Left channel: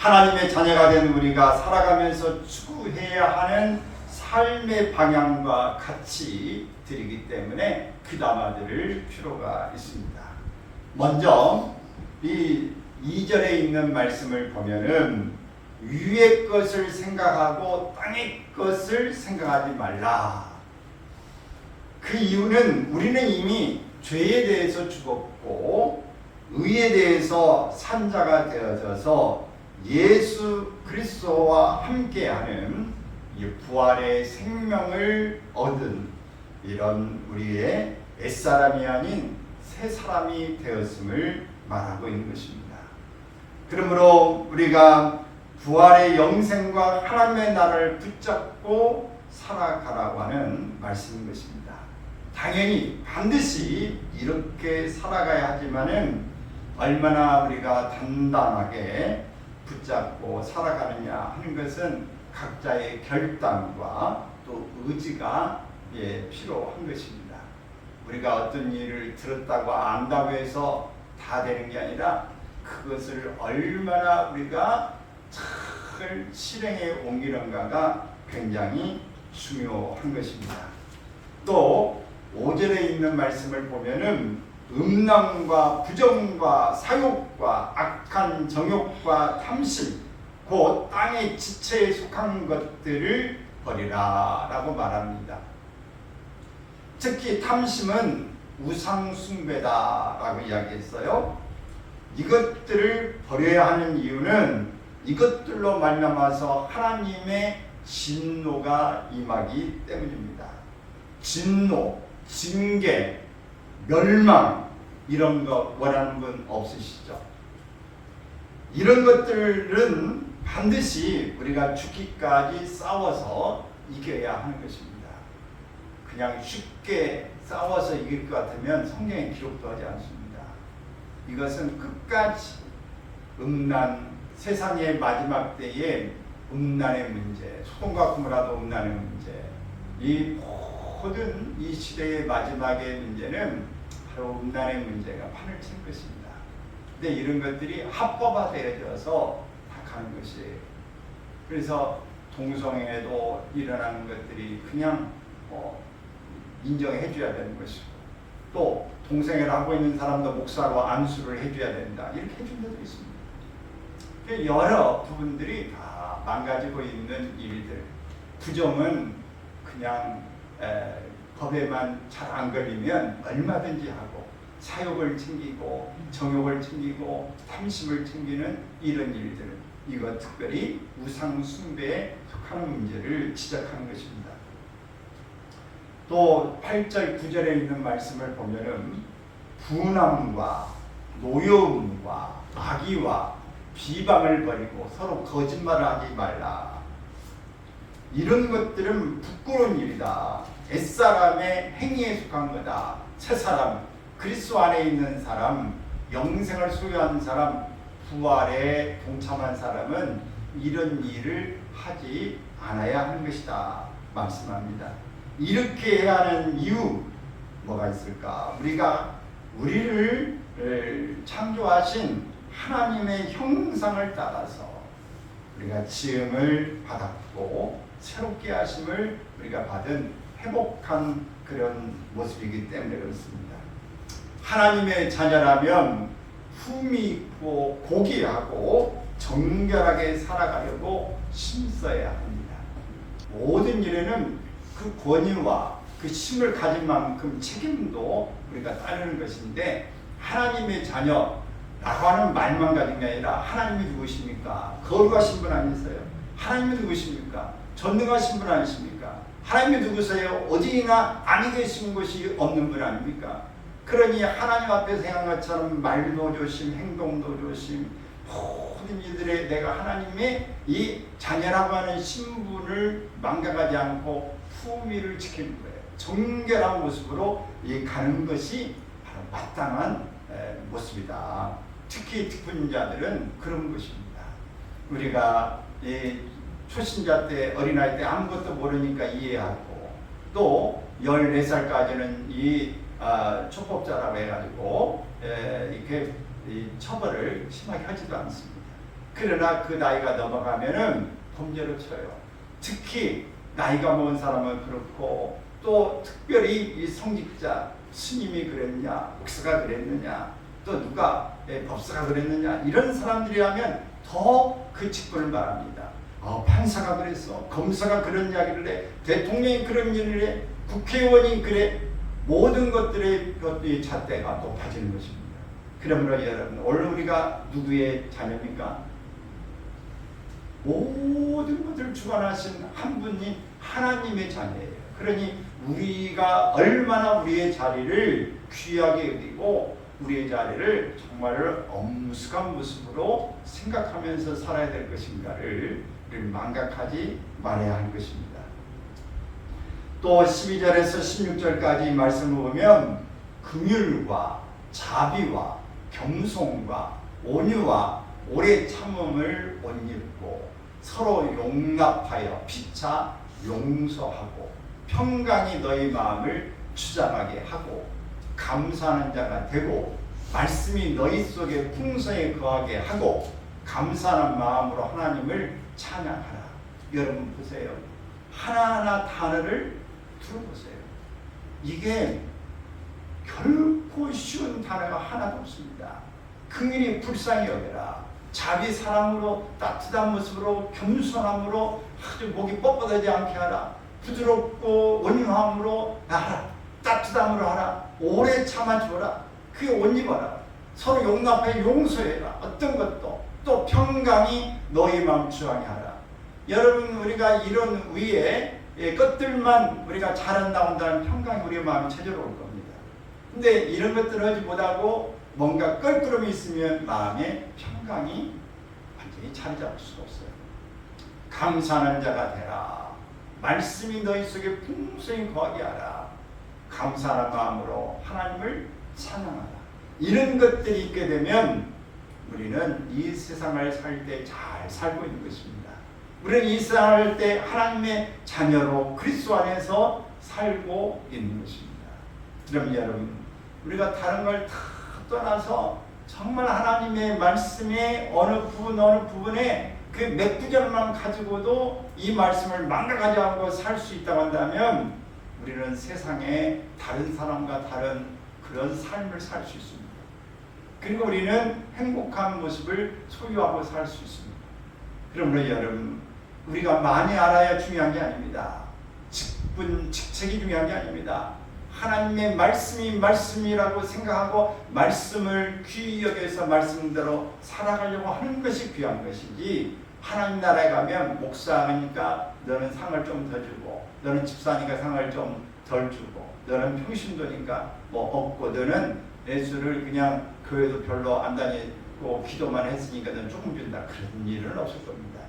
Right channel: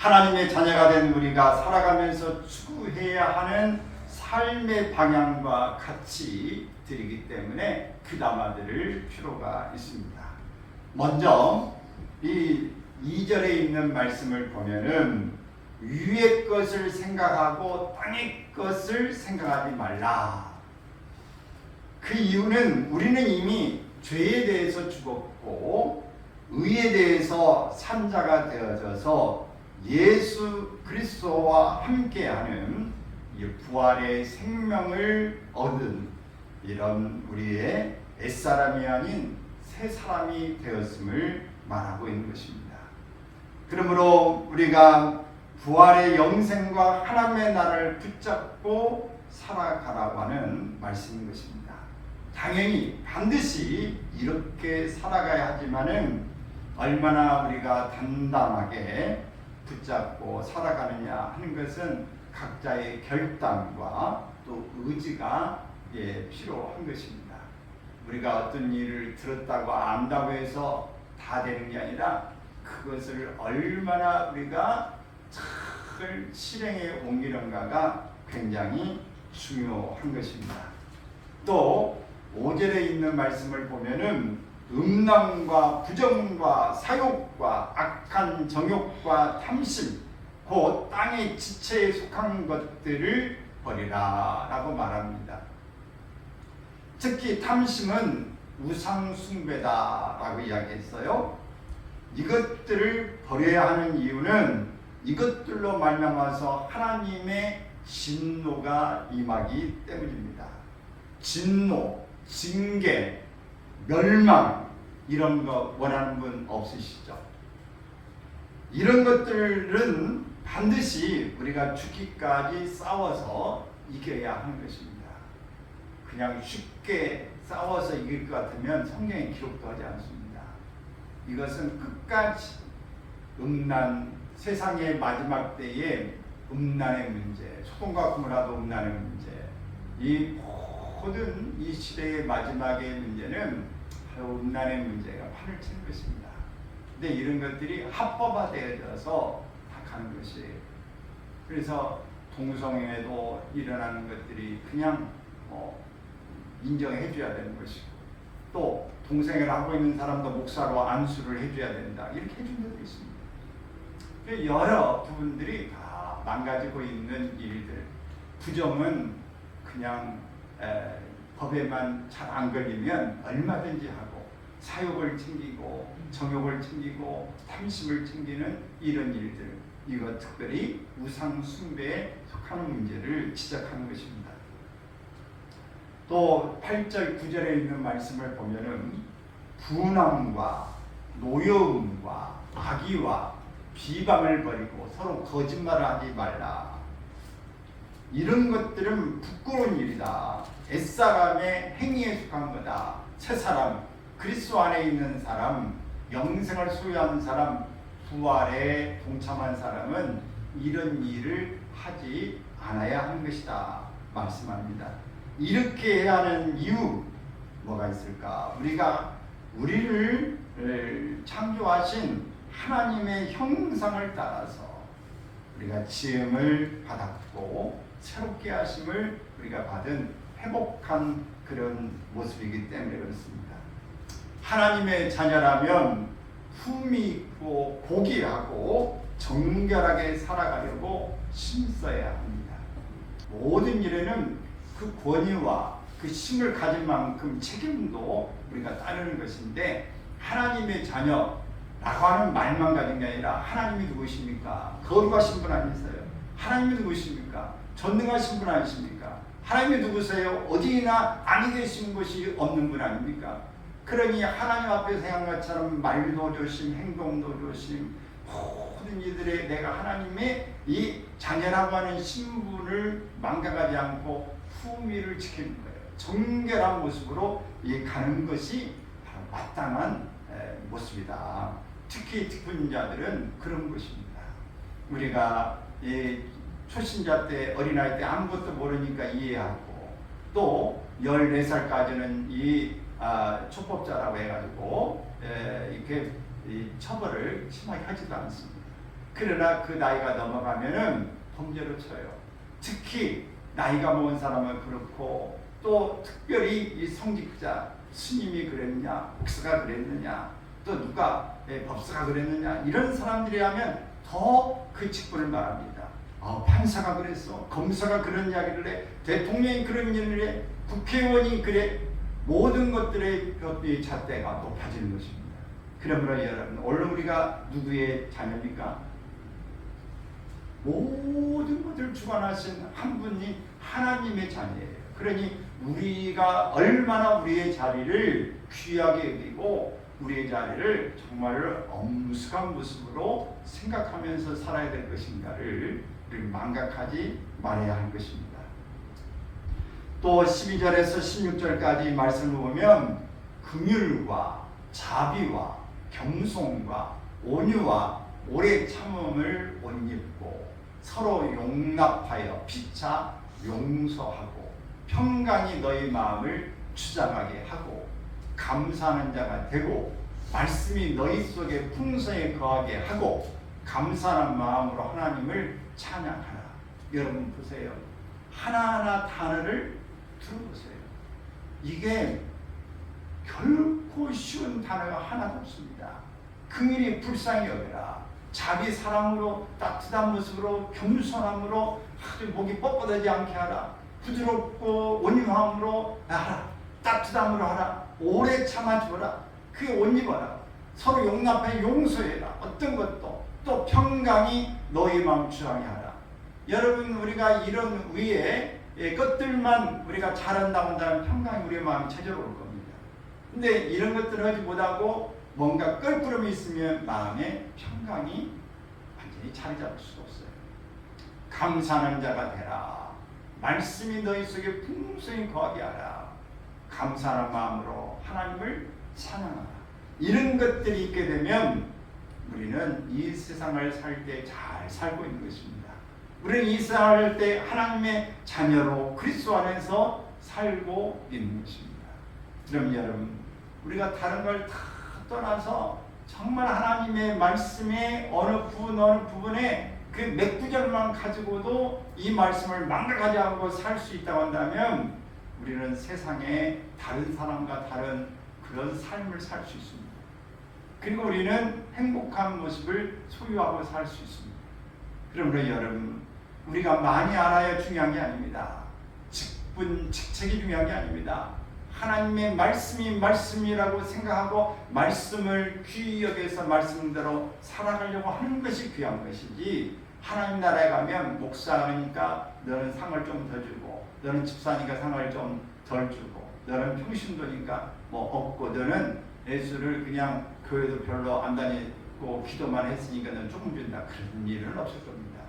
하나님의 자녀가 된 우리가 살아가면서 추구해야 하는 삶의 방향과 가치들이기 때문에 귀담아 들을 필요가 있습니다. 먼저 이 2절에 있는 말씀을 보면은 위의 것을 생각하고 땅의 것을 생각하지 말라. 그 이유는 우리는 이미 죄에 대해서 죽었고 의에 대해서 산 자가 되어져서 예수 그리스도와 함께하는 이 부활의 생명을 얻은 이런 우리의 옛사람이 아닌 새 사람이 되었음을 말하고 있는 것입니다. 그러므로 우리가 부활의 영생과 하나님의 나라를 붙잡고 살아가라고 하는 말씀인 것입니다. 당연히 반드시 이렇게 살아가야 하지만은 얼마나 우리가 단단하게 붙잡고 살아가느냐 하는 것은 각자의 결단과 또 의지가 필요한 것입니다. 우리가 어떤 일을 들었다고 안다고 해서 다 되는 게 아니라 그것을 얼마나 우리가 잘 실행에 옮기는가가 굉장히 중요한 것입니다. 또 5절에 있는 말씀을 보면은 음란과 부정과 사욕과 악한 정욕과 탐심 곧 땅의 지체에 속한 것들을 버리라 라고 말합니다. 특히 탐심은 우상 숭배다 라고 이야기했어요. 이것들을 버려야 하는 이유는 이것들로 말미암아서 하나님의 진노가 임하기 때문입니다. 진노, 징계, 멸망 이런 거 원하는 분 없으시죠? 이런 것들은 반드시 우리가 죽기까지 싸워서 이겨야 하는 것입니다. 그냥 쉽게 싸워서 이길 것 같으면 성경에 기록도 하지 않습니다. 이것은 끝까지 음란, 세상의 마지막 때에 음란의 문제, 소돔과 고모라도 음란의 문제, 이 모든 이 시대의 마지막의 문제는 바로 음란의 문제가 판을 치는 것입니다. 근데 이런 것들이 합법화되어져서 다 가는 것이에요. 그래서 동성애도 일어나는 것들이 그냥 인정해 줘야 되는 것이고, 또 동성애를 하고 있는 사람도 목사가 안수를 해줘야 된다 이렇게 해준 데도 있습니다. 여러 부분들이 다 망가지고 있는 일들, 부정은 그냥 법에만 잘 안 걸리면 얼마든지 하고 사욕을 챙기고 정욕을 챙기고 탐심을 챙기는 이런 일들, 이것 특별히 우상 숭배에 속하는 문제를 지적하는 것입니다. 또 8절 9절에 있는 말씀을 보면은 분함과 노여움과 악의와 비방을 버리고 서로 거짓말을 하지 말라. 이런 것들은 부끄러운 일이다. 옛사람의 행위에 속한 거다. 새사람, 그리스도 안에 있는 사람, 영생을 소유한 사람, 부활에 동참한 사람은 이런 일을 하지 않아야 하는 것이다 말씀합니다. 이렇게 해야 하는 이유 뭐가 있을까? 우리를 창조하신 하나님의 형상을 따라서 우리가 지음을 받았고 새롭게 하심을 우리가 받은 회복한 그런 모습이기 때문에 그렇습니다. 하나님의 자녀라면 품이 있고 고귀하고 정결하게 살아가려고 힘써야 합니다. 모든 일에는 그 권위와 그 힘을 가진 만큼 책임도 우리가 따르는 것인데, 하나님의 자녀라고 하는 말만 가진 게 아니라 하나님이 누구십니까? 거룩하신 분 아니세요? 하나님이 누구십니까? 전능하신 분 아니십니까? 하나님이 누구세요? 어디나 아니 계신 것이 없는 분 아닙니까? 그러니 하나님 앞에서 행한 것처럼 말도 조심, 행동도 조심, 모든 이들의 내가 하나님의 이 자녀라고 하는 신분을 망각하지 않고 품위를 지키는 거예요. 정결한 모습으로 가는 것이 바로 마땅한 모습이다. 특히 특훈자들은 그런 것입니다. 우리가 초신자 때, 어린아이 때 아무것도 모르니까 이해하고, 또 14살까지는 이 촉법자라고 해가지고 이렇게 처벌을 심하게 하지도 않습니다. 그러나 그 나이가 넘어가면은 범죄로 쳐요. 특히 나이가 먹은 사람은 그렇고 또 특별히 이 성직자 스님이 그랬냐, 목사가 그랬느냐, 또 누가 법사가 그랬느냐 이런 사람들이 하면 더 그 직분을 말합니다. 판사가 그랬어, 검사가 그런 이야기를 해, 대통령이 그런 일을 해, 국회의원이 그래. 모든 것들의 잣대가 높아지는 것입니다. 그러므로 여러분, 오늘 우리가 누구의 자녀입니까? 모든 것을 주관하신 한 분이 하나님의 자녀예요. 그러니 우리가 얼마나 우리의 자리를 귀하게 여기고 우리의 자리를 정말 엄숙한 모습으로 생각하면서 살아야 될 것인가를 망각하지 말아야 하는 것입니다. 또 12절에서 16절까지 말씀을 보면 긍휼과 자비와 겸손과 온유와 오래 참음을 옷 입고 서로 용납하여 피차 용서하고 평강이 너희 마음을 주장하게 하고 감사하는 자가 되고 말씀이 너희 속에 풍성히 거하게 하고 감사하는 마음으로 하나님을 찬양하라. 여러분 보세요. 하나하나 단어를 들어보세요. 이게 결코 쉬운 단어가 하나도 없습니다. 긍휼히 불쌍히 여겨라. 자비 사랑으로 따뜻한 모습으로 겸손함으로 아주 목이 뻣뻣하지 않게 하라. 부드럽고 온유함으로 하라. 따뜻함으로 하라. 오래 참아주어라. 그게 옷 입어라. 서로 용납해 용서해라. 어떤 것도 또 평강이 너희 마음 주장해 하라. 여러분 우리가 이런 위에 것들만 우리가 잘한다 한다면 평강이 우리 마음에 찾아올 겁니다. 근데 이런 것들을 하지 못하고 뭔가 껄끄러움이 있으면 마음에 평강이 완전히 자리 잡을 수가 없어요. 감사하는 자가 되라. 말씀이 너희 속에 풍성히 거하게 하라. 감사하는 마음으로 하나님을 찬양하라. 이런 것들이 있게 되면 우리는 이 세상을 살 때 잘 살고 있는 것입니다. 우리는 이 세상을 살 때 하나님의 자녀로 그리스도 안에서 살고 있는 것입니다. 그럼 여러분, 우리가 다른 걸 다 떠나서 정말 하나님의 말씀의 어느 부분에 그 몇 구절만 가지고도 이 말씀을 망각하지 않고 살 수 있다고 한다면 우리는 세상에 다른 사람과 다른 그런 삶을 살 수 있습니다. 그리고 우리는 행복한 모습을 소유하고 살 수 있습니다. 그러므로 여러분, 우리가 많이 알아야 중요한 게 아닙니다. 직책이 중요한 게 아닙니다. 하나님의 말씀이 말씀이라고 생각하고 말씀을 귀히 여겨서 말씀대로 살아가려고 하는 것이 귀한 것이지, 하나님 나라에 가면 목사니까 너는 상을 좀 더 주고, 너는 집사니까 상을 좀 덜 주고, 너는 평신도니까 뭐 없고, 너는 예수를 그냥 교회도 별로 안 다니고 기도만 했으니까 너는 조금 준다. 그런 일은 없을 겁니다.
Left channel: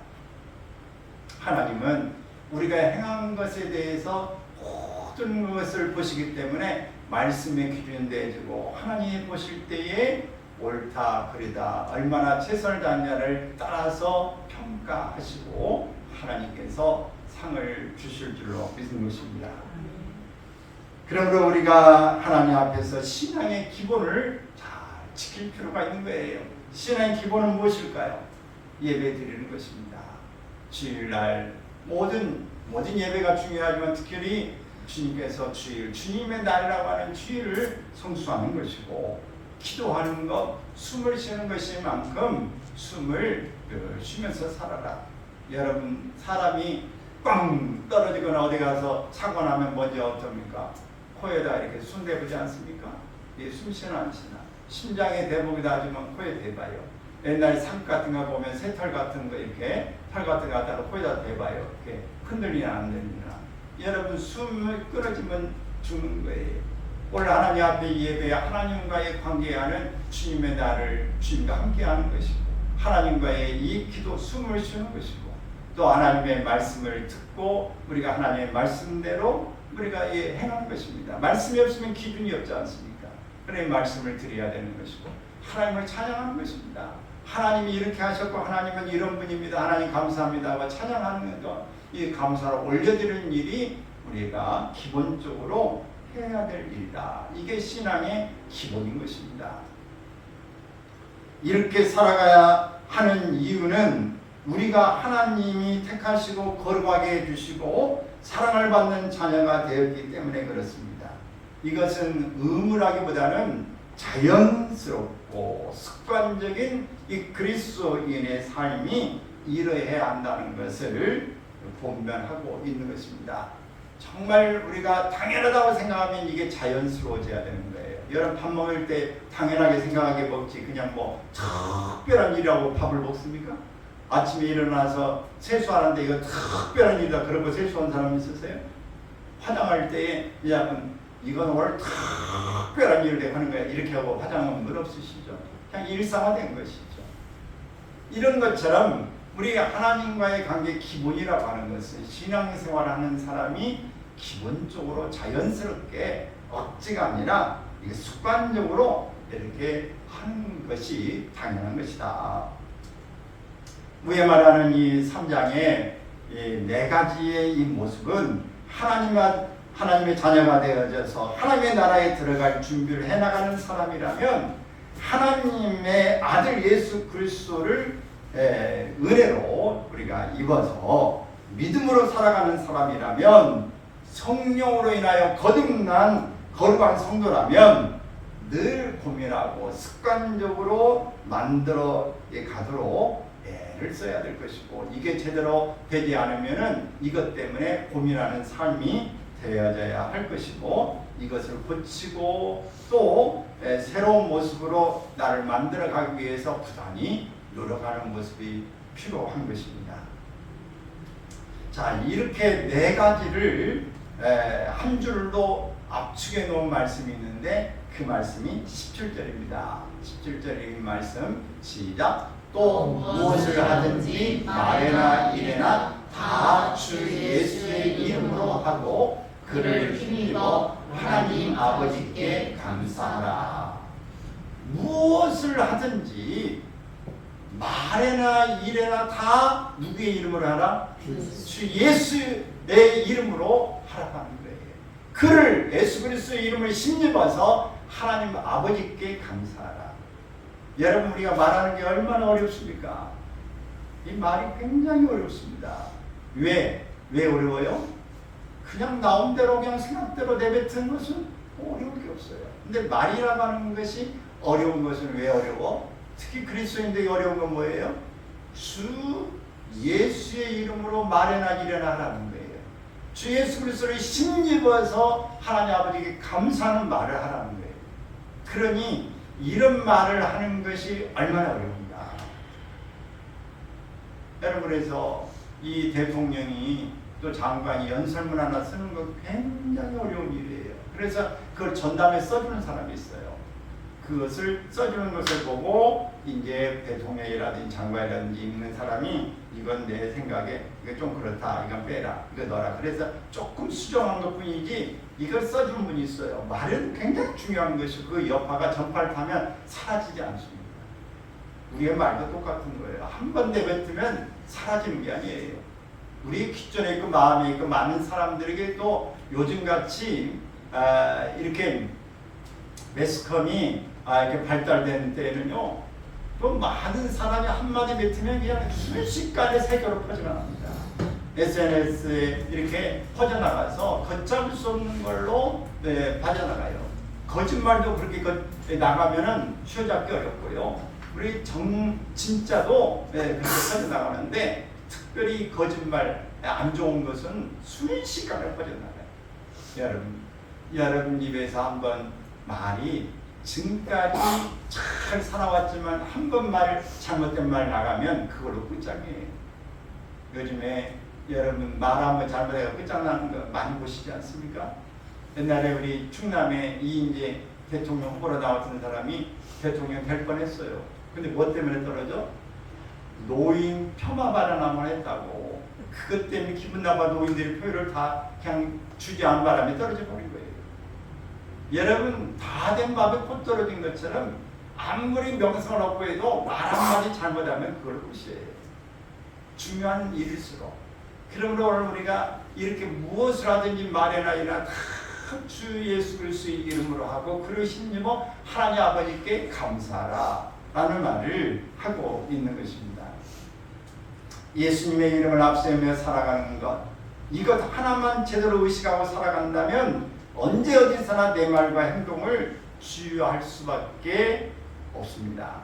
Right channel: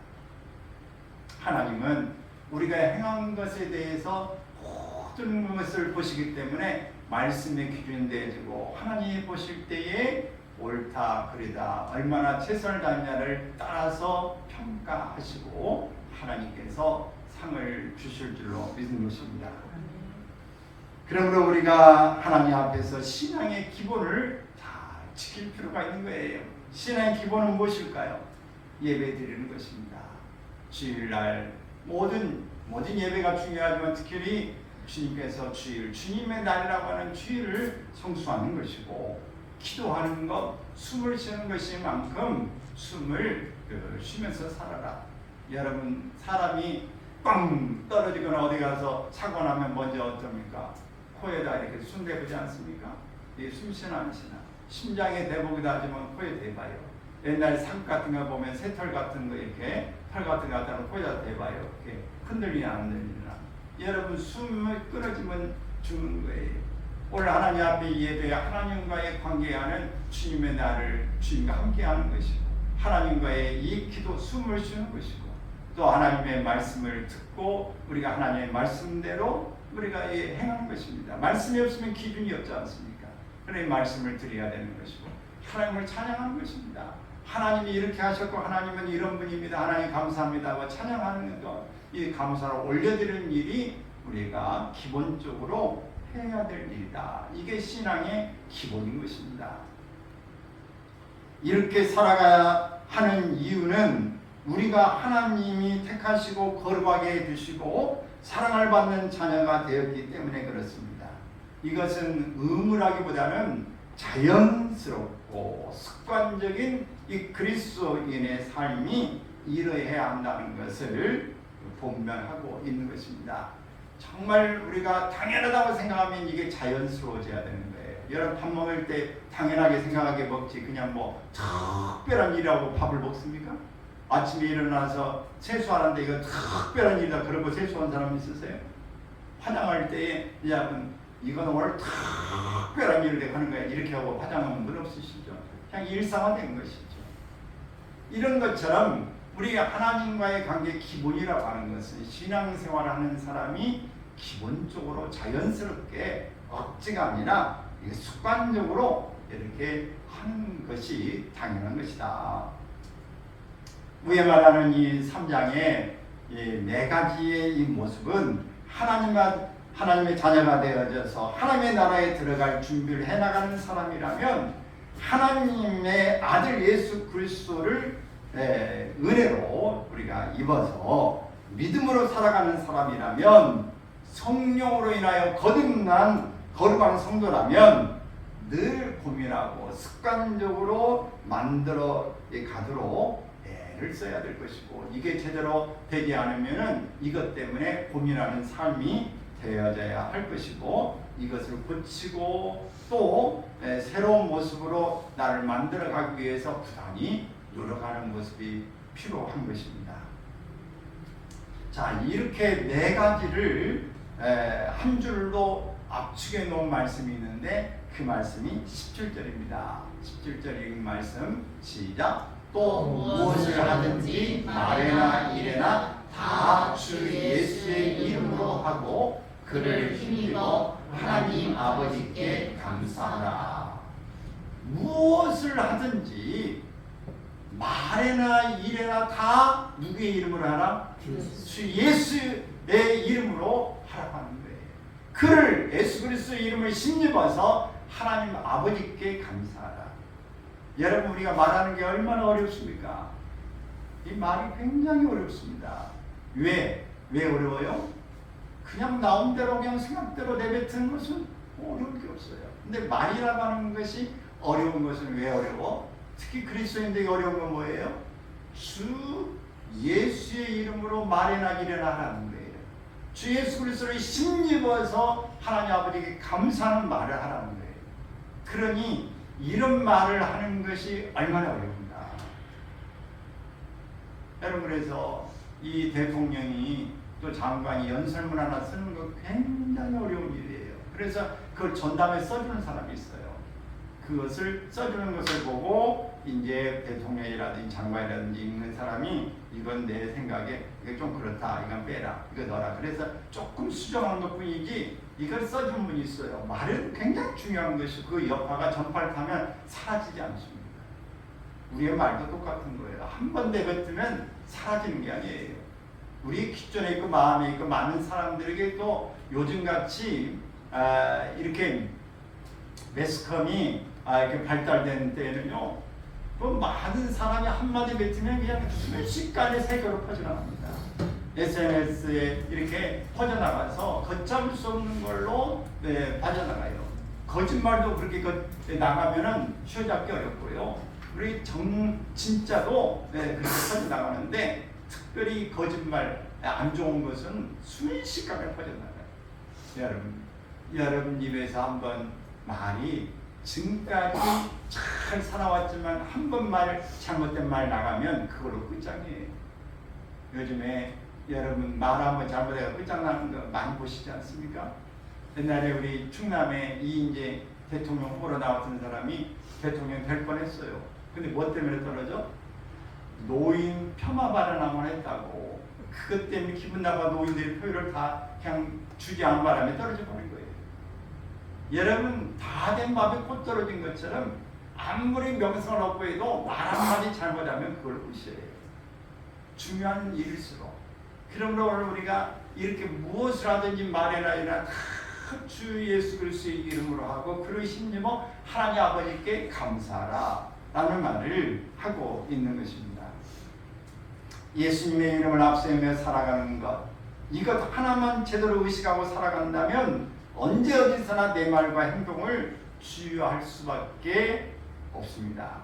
하나님은 우리가 행한 것에 대해서 모든 것을 보시기 때문에 말씀의 기준이 되어지고, 하나님이 보실 때에 옳다 그르다 얼마나 최선을 다했냐를 따라서 평가하시고 하나님께서 상을 주실 줄로 믿는 것입니다. 그러므로 우리가 하나님 앞에서 신앙의 기본을 잘 지킬 필요가 있는 거예요. 신앙의 기본은 무엇일까요? 예배 드리는 것입니다. 주일날 모든 예배가 중요하지만 특별히 주님께서 주님의 날이라고 하는 주일을 성수하는 것이고, 기도하는 것, 숨을 쉬는 것이만큼 숨을 쉬면서 살아라. 여러분, 사람이 빵 떨어지거나 어디 가서 사고 나면 먼저 어떻습니까? 코에다 이렇게 숨 대보지 않습니까? 이게 숨쉬나 안 쉬나? 심장에 대보기도 하지만 코에 대봐요. 옛날 삽 같은 거 보면 새털 같은 거 이렇게 털 같은 거 갖다가 코에다 대봐요. 이렇게 흔들리나 안 흔들리나? 여러분, 숨을 끊어지면 죽는 거예요. 오늘 하나님 앞에 예배, 하나님과의 관계하는 주님의 날을 주님과 함께하는 것이고, 하나님과의 이 기도, 숨을 쉬는 것이고, 또 하나님의 말씀을 듣고 우리가 하나님의 말씀대로 우리가 행하는 것입니다. 말씀이 없으면 기준이 없지 않습니까? 그러니 말씀을 드려야 되는 것이고, 하나님을 찬양하는 것입니다. 하나님이 이렇게 하셨고 하나님은 이런 분입니다. 하나님 감사합니다 하고 찬양하는 것, 이 감사를 올려드리는 일이 우리가 기본적으로 해야 될 일이다. 이게 신앙의 기본인 것입니다. 이렇게 살아가야 하는 이유는 우리가 하나님이 택하시고 거룩하게 해주시고 사랑을 받는 자녀가 되었기 때문에 그렇습니다. 이것은 의무라기보다는 자연스럽고 습관적인 이 그리스도인의 삶이 이러해야 한다는 것을 분별하고 있는 것입니다. 정말 우리가 당연하다고 생각하면 이게 자연스러워져야 되는 거예요. 여러분 밥 먹을 때 당연하게 생각하게 먹지 그냥 뭐 특별한 일이라고 밥을 먹습니까? 아침에 일어나서 세수하는데 이거 특별한 일이다 그런 거 세수한 사람 있으세요? 화장할 때 이건 오늘 특별한 일을 하는 거야 이렇게 하고 화장하는 건 없으시죠? 그냥 일상화된 것이죠. 이런 것처럼 우리가 하나님과의 관계 기본이라고 하는 것은 신앙생활을 하는 사람이 기본적으로 자연스럽게 억지가 아니라 이게 습관적으로 이렇게 하는 것이 당연한 것이다. 위에 말하는 이 3장의 이 4가지의 이 모습은 하나님의 자녀가 되어져서 하나님의 나라에 들어갈 준비를 해나가는 사람이라면 하나님의 아들 예수 그리스도를 은혜로 우리가 입어서 믿음으로 살아가는 사람이라면 성령으로 인하여 거듭난 거룩한 성도라면 늘 고민하고 습관적으로 만들어 가도록 애를 써야 될 것이고 이게 제대로 되지 않으면은 이것 때문에 고민하는 삶이 되어져야 할 것이고 이것을 고치고 또 새로운 모습으로 나를 만들어가기 위해서 부단히 노력하는 모습이 필요한 것입니다. 자, 이렇게 4가지를 한 줄로 압축해 놓은 말씀이 있는데 그 말씀이 17절입니다. 17절의 말씀 시작. 또 무엇을 하든지 말에나 일에나 다 주 예수의 이름으로 하고 그를 힘입어 하나님 아버지께 감사하라. 무엇을 하든지 말에나 일에나 다 누구의 이름으로 하라? 주 예수의 이름으로 하라고 하는 거예요. 그를 예수 그리스도의 이름을 힘입어서 하나님 아버지께 감사하라. 여러분 우리가 말하는 게 얼마나 어렵습니까? 이 말이 굉장히 어렵습니다. 왜 어려워요? 그냥 나온 대로 그냥 생각대로 내뱉은 것은 어려울 게 없어요. 근데 말이라고 하는 것이 어려운 것은 왜 어려워? 특히 그리스도인들이 어려운 건 뭐예요? 주 예수의 이름으로 말해나 이래나 하라는 거예요. 주 예수 그리스도를 힘입어서 하나님 아버지께 감사하는 말을 하라는 거예요. 그러니 이런 말을 하는 것이 얼마나 어려운가. 여러분 그래서 이 대통령이 또 장관이 연설문 하나 쓰는 거 굉장히 어려운 일이에요. 그래서 그걸 전담에 써주는 사람이 있어요. 그것을 써주는 것을 보고 이제 대통령이라든지 장관이라든지 읽는 사람이 이건 내 생각에 이게 좀 그렇다, 이건 빼라, 이거 넣어라. 그래서 조금 수정한 것뿐이지 이걸 써주는 분이 있어요. 말은 굉장히 중요한 것이 그 여파가 전파를 타면 사라지지 않습니다. 우리의 말도 똑같은 거예요. 한 번 내뱉으면 사라지는 게 아니에요. 우리 기존에 있고 마음에 있고 많은 사람들에게 또 요즘같이 이렇게 매스컴이 이렇게 발달되는 때에는요, 또 많은 사람이 한마디 뱉으면 그냥 순식간에 세계로 퍼져나갑니다. SNS에 이렇게 퍼져나가서 걷잡을 수 없는 걸로 빠져나가요. 거짓말도 그렇게 나가면은 쉬어잡기 어렵고요. 우리 진짜도 그렇게 퍼져나가는데 특별히 거짓말 안 좋은 것은 순식간에 퍼져나가요. 여러분 입에서 한번 말이 지금까지 잘 살아왔지만 한 번 잘못된 말 나가면 그걸로 끝장이에요. 요즘에 여러분 말 한번 잘못해서 끝장나는 거 많이 보시지 않습니까? 옛날에 우리 충남에 이인재 대통령 후보로 나왔던 사람이 대통령 될 뻔했어요. 근데 뭐 때문에 떨어져? 노인 폄하 발언 한번 했다고. 그것 때문에 기분 나빠 노인들이 표를 다 그냥 주지 않은 바람에 떨어져 버린 거예요. 여러분 다 된 밥에 pot 떨어진 것처럼 아무리 명성을 얻고 해도 말 한마디 잘못하면 그걸 끝이에요. 중요한 일일수록. 그러므로 우리가 이렇게 무엇을 하든지 말해나 이나 다 주 예수 그리스도의 이름으로 하고 그를 힘입어 하나님 아버지께 감사하라. 라는 말을 하고 있는 것입니다. 예수님의 이름을 앞세우며 살아가는 것, 이것 하나만 제대로 의식하고 살아간다면 언제 어디서나 내 말과 행동을 주의할 수밖에 없습니다.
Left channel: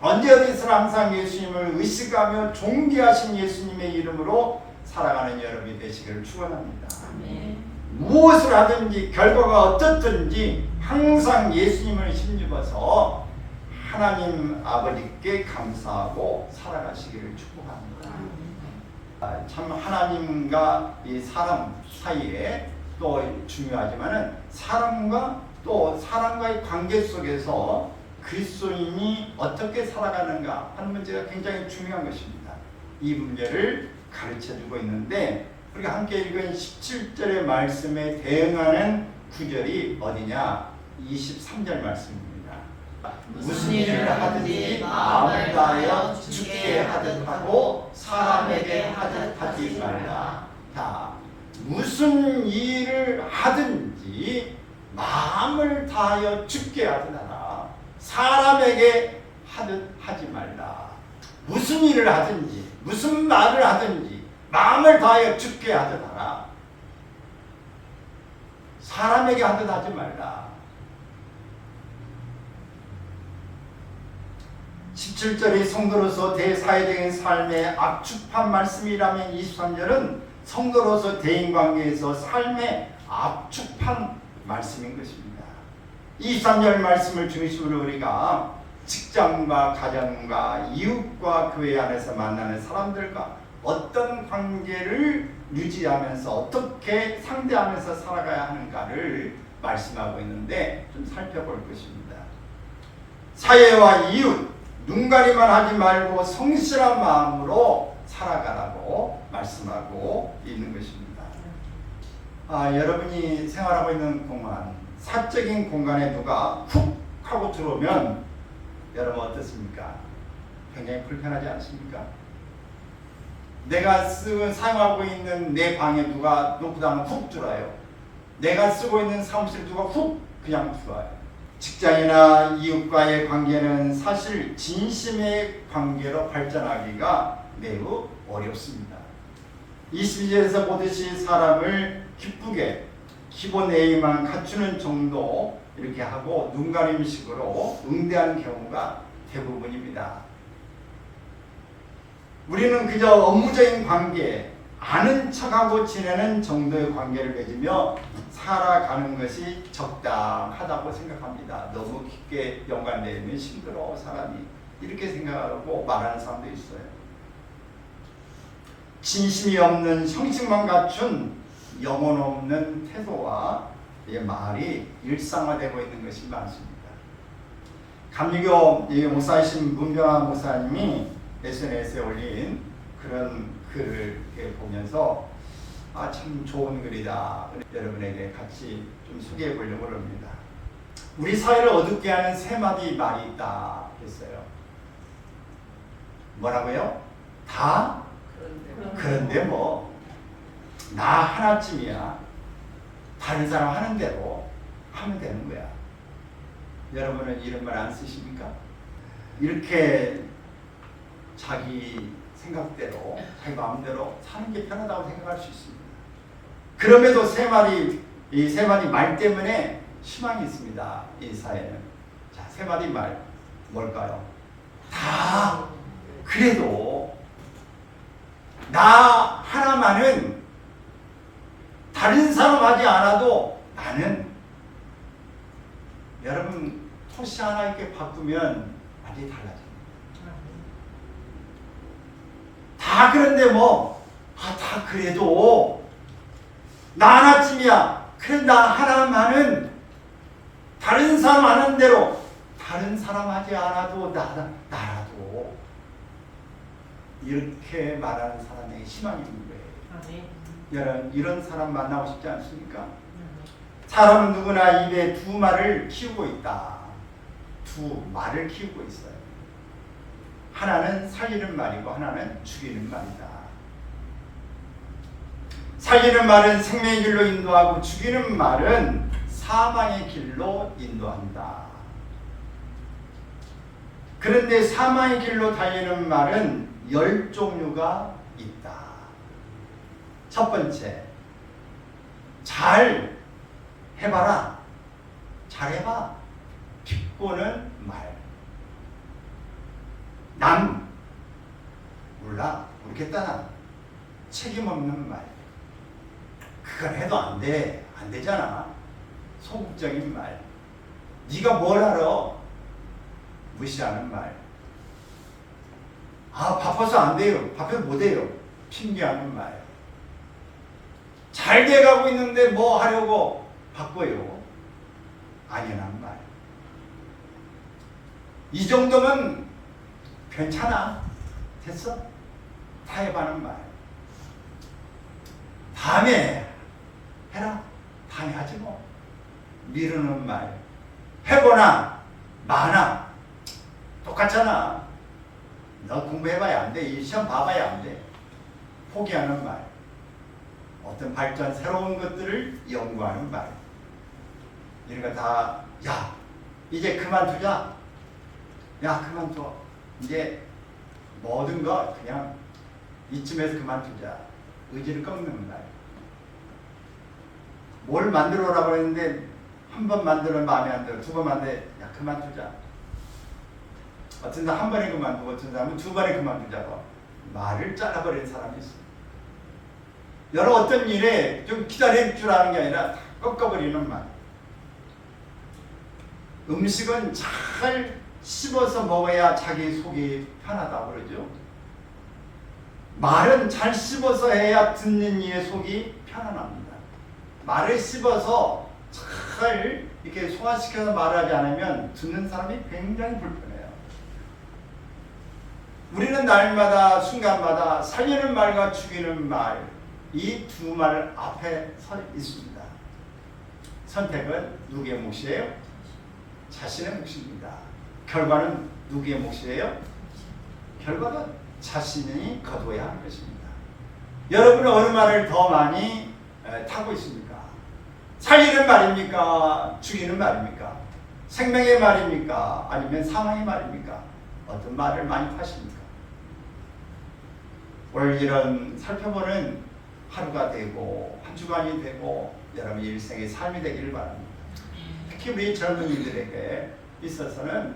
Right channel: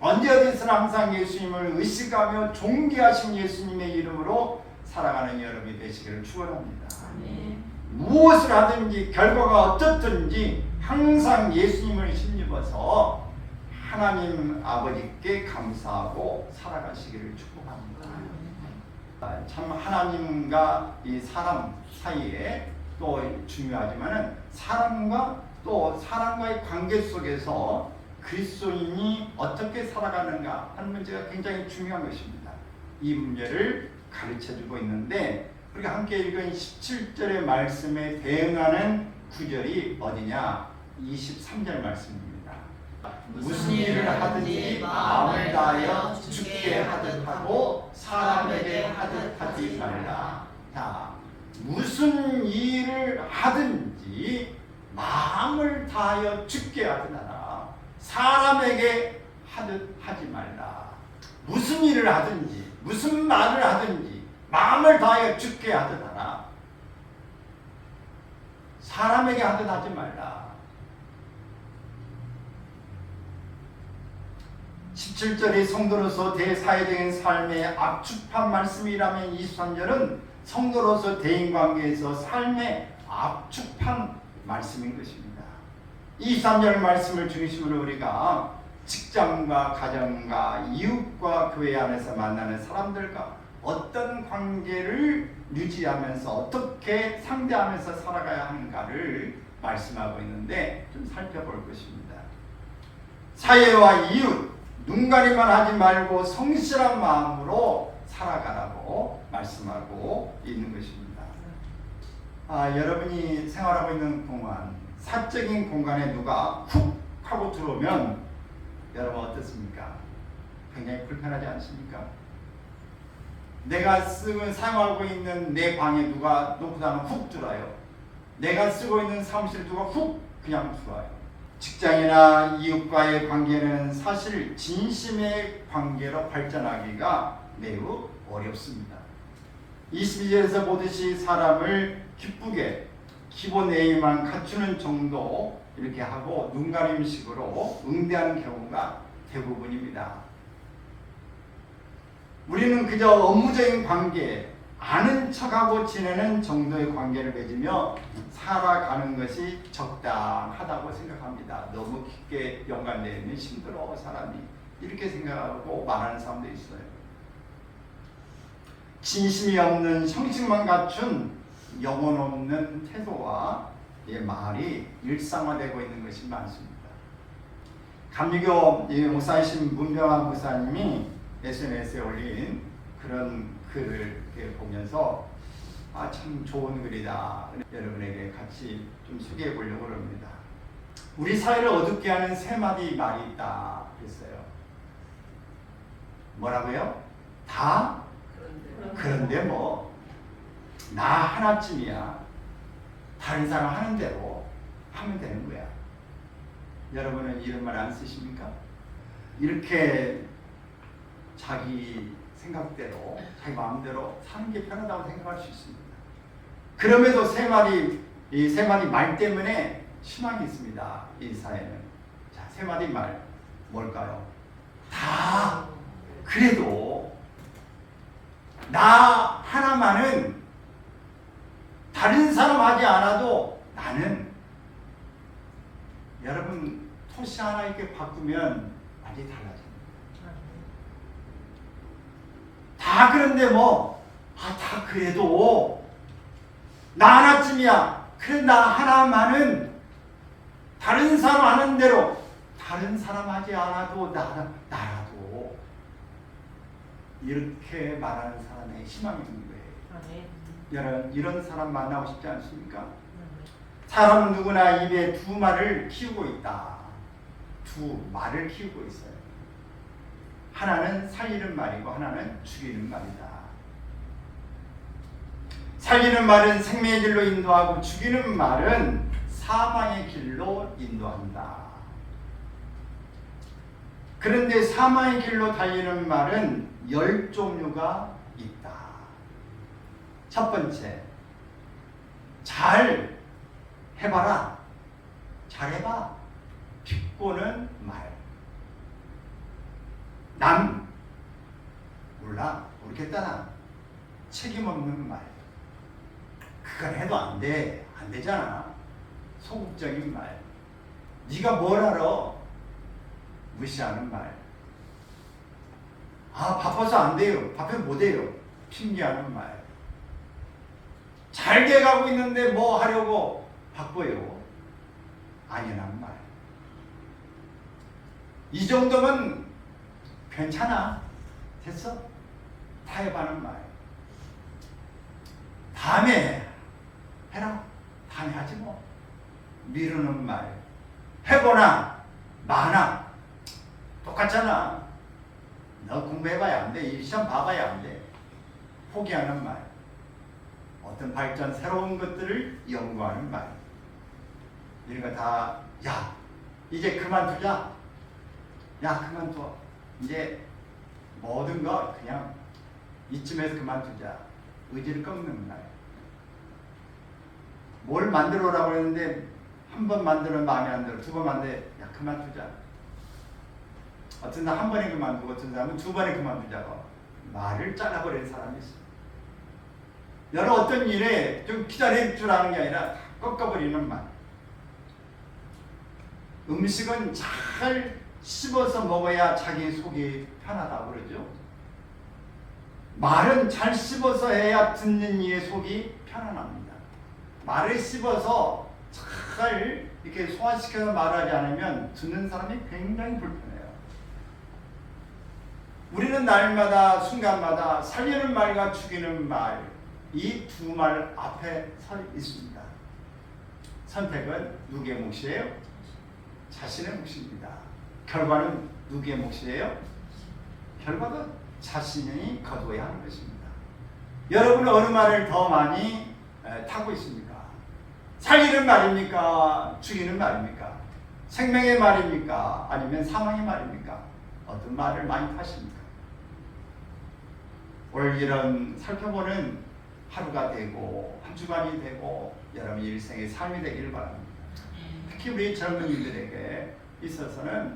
언제 어디서나 항상 예수님을 의식하며 존귀하신 예수님의 이름으로 살아가는 여러분이 되시기를 축원합니다. 무엇을 하든지 결과가 어떻든지 항상 예수님을 힘입어서 하나님 아버지께 감사하고 살아가시기를 축복합니다. 참 하나님과 이 사람 사이에 또 중요하지만은 사람과 또 사람과의 관계 속에서 그리스도인이 어떻게 살아가는가 하는 문제가 굉장히 중요한 것입니다. 이 문제를 가르쳐주고 있는데 우리가 함께 읽은 17절의 말씀에 대응하는 구절이 어디냐? 23절 말씀입니다. 무슨 일을 하든지 마음을 다하여 주께 하듯 하고 사람에게 하듯 하지 말라. 자, 무슨 일을 하든지 마음을 다하여 주께 하듯 하라. 사람에게 하듯 하지 말라. 무슨 일을 하든지 무슨 말을 하든지 마음을 다하여 주께 하듯 하라. 사람에게 하듯 하지 말라. 17절이 성도로서 대사회적인 삶의 압축한 말씀이라면 23절은 성도로서 대인관계에서 삶의 압축한 말씀인 것입니다. 23절 말씀을 중심으로 우리가 직장과 가정과 이웃과 교회 안에서 만나는 사람들과 어떤 관계를 유지하면서 어떻게 상대하면서 살아가야 하는가를 말씀하고 있는데 좀 살펴볼 것입니다. 사회와 이웃, 눈가리만 하지 말고 성실한 마음으로 살아가라고 말씀하고 있는 것입니다. 여러분이 생활하고 있는 공간, 사적인 공간에 누가 훅 하고 들어오면 여러분 어떻습니까? 굉장히 불편하지 않습니까? 내가 사용하고 있는 내 방에 누가 놓고 다니면 훅 들어와요. 내가 쓰고 있는 사무실에 누가 훅 그냥 들어와요. 직장이나 이웃과의 관계는 사실 진심의 관계로 발전하기가 매우 어렵습니다. 22절에서 보듯이 사람을 기쁘게 기본 A만 갖추는 정도 이렇게 하고 눈가림식으로 응대하는 경우가 대부분입니다. 우리는 그저 업무적인 관계, 아는 척하고 지내는 정도의 관계를 맺으며 살아가는 것이 적당하다고 생각합니다. 너무 깊게 연관되면 힘들어 사람이 이렇게 생각하고 말하는 사람도 있어요. 진심이 없는 형식만 갖춘 영혼 없는 태도와 말이 일상화되고 있는 것이 많습니다. 감리교 목사이신 문병환 목사님이 SNS에 올린 그런 글을 보면서 참 좋은 글이다. 여러분에게 같이 좀 소개해 보려고 합니다. 우리 사회를 어둡게 하는 세 마디 말이 있다 했어요. 뭐라고요? 다? 그런데 뭐 나 하나쯤이야. 다른 사람 하는 대로 하면 되는 거야. 여러분은 이런 말 안 쓰십니까? 이렇게 자기 생각대로 자기 마음대로 사는 게 편하다고 생각할 수 있습니다. 그럼에도 이 세 마디 말 때문에 희망이 있습니다. 이 사회는. 자, 세 마디 말 뭘까요? 다 그래도 나 하나만은 다른 사람 하지 않아도 나는 여러분 토시 하나 이렇게 바꾸면 완전히 달라집니다. 다 그런데 다 그래도 나 하나쯤이야. 그래 나 하나만은 다른 사람 하는 대로 다른 사람 하지 않아도 나라도 이렇게 말하는 사람에게 희망이 있는 거예요. 여러분 이런 사람 만나고 싶지 않습니까? 사람은 누구나 입에 두 말을 키우고 있다. 두 말을 키우고 있어요. 하나는 살리는 말이고 하나는 죽이는 말이다. 살리는 말은 생명의 길로 인도하고 죽이는 말은 사망의 길로 인도한다. 그런데 사망의 길로 달리는 말은 10종류가 있다. 첫 번째, 잘 해봐라. 잘해봐. 비꼬는 말. 남 몰라. 모르겠다. 난 책임 없는 말. 그걸 해도 안 돼. 안 되잖아. 소극적인 말. 네가 뭘 알아? 무시하는 말. 아, 바빠서 안 돼요. 바빠서 못 해요. 핑계하는 말. 잘 돼가고 있는데 뭐 하려고 바빠요. 아니라는 말. 이 정도면 괜찮아. 됐어. 타협하는 말. 다음에 해라. 다음에 하지 뭐. 미루는 말. 해보나 마나 똑같잖아. 너 공부해봐야 안 돼. 이 시험 봐봐야 안 돼. 포기하는 말. 어떤 발전, 새로운 것들을 연구하는 말. 이런 거 다, 야, 이제 그만두자. 야, 그만둬. 이제 모든 거 그냥 이쯤에서 그만두자. 의지를 꺾는 말. 뭘 만들어 오라고 했는데 한 번 만들면 마음에 안 들어. 두 번 만들어. 야, 그만두자. 어떤 사람 한 번에 그만두고 어떤 사람은 두 번에 그만두자고 말을 잘라버리는 사람이 있어. 여러 어떤 일에 좀 기다릴 줄 아는 게 아니라 다 꺾어버리는 말. 음식은 잘 씹어서 먹어야 자기 속이 편하다고 그러죠. 말은 잘 씹어서 해야 듣는 이의 속이 편안합니다. 말을 씹어서 잘 이렇게 소화시켜서 말하지 않으면 듣는 사람이 굉장히 불편해요. 우리는 날마다 순간마다 살리는 말과 죽이는 말, 이 두 말 앞에 서 있습니다. 선택은 누구의 몫이에요? 자신의 몫입니다. 결과는 누구의 몫이에요? 결과도 자신이 거두어야 하는 것입니다. 여러분은 어느 말을 더 많이 타고 있습니까? 살리는 말입니까? 죽이는 말입니까? 생명의 말입니까? 아니면 사망의 말입니까? 어떤 말을 많이 타십니까? 오늘 이런 살펴보는 하루가 되고 한 주간이 되고 여러분 일생의 삶이 되기를 바랍니다. 특히 우리 젊은이들에게 있어서는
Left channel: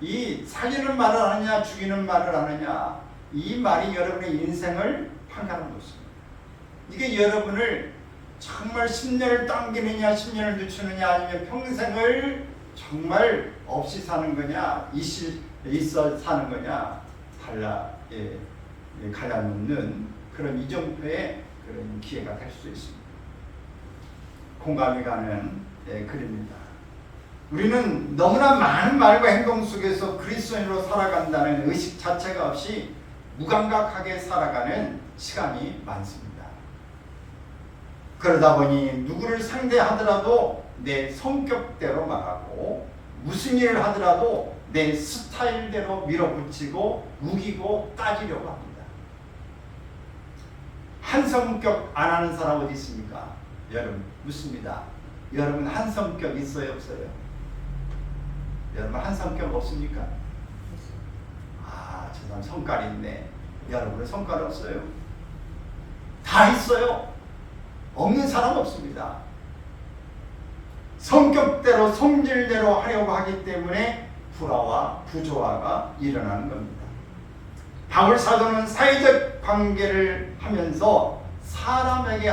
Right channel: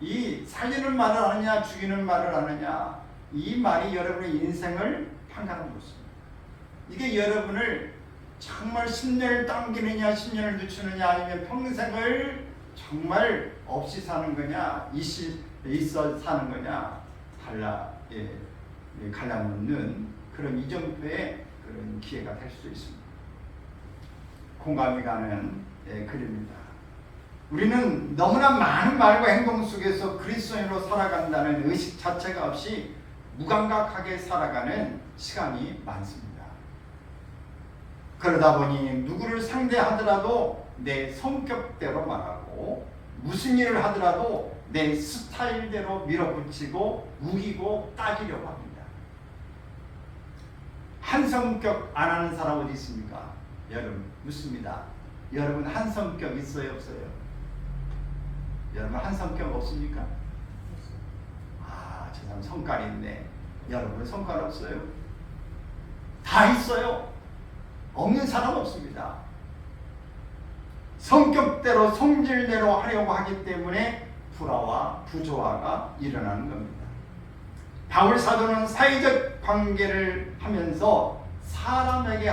이 살리는 말을 하느냐 죽이는 말을 하느냐 이 말이 여러분의 인생을 판가름 놓습니다. 이게 여러분을 정말 10년을 당기느냐 10년을 늦추느냐 아니면 평생을 정말 없이 사는 거냐 있어 사는 거냐 갈라놓는 그런 이정도의 그런 기회가 될 수 있습니다. 공감이 가는 글입니다. 우리는 너무나 많은 말과 행동 속에서 그리스도인으로 살아간다는 의식 자체가 없이 무감각하게 살아가는 시간이 많습니다. 그러다 보니 누구를 상대하더라도 내 성격대로 말하고 무슨 일을 하더라도 내 스타일대로 밀어붙이고 우기고 따지려고 합니다. 한 성격 안 하는 사람 어디 있습니까? 여러분 묻습니다. 여러분 한 성격 있어요 없어요? 여러분 한 성격 없습니까? 아, 저 사람 성깔이 있네. 여러분은 성깔 없어요? 다 있어요. 없는 사람 없습니다. 성격대로 성질대로 하려고 하기 때문에 불화와 부조화가 일어나는 겁니다. 바울 사도는 사회적 관계를 하면서 사람에게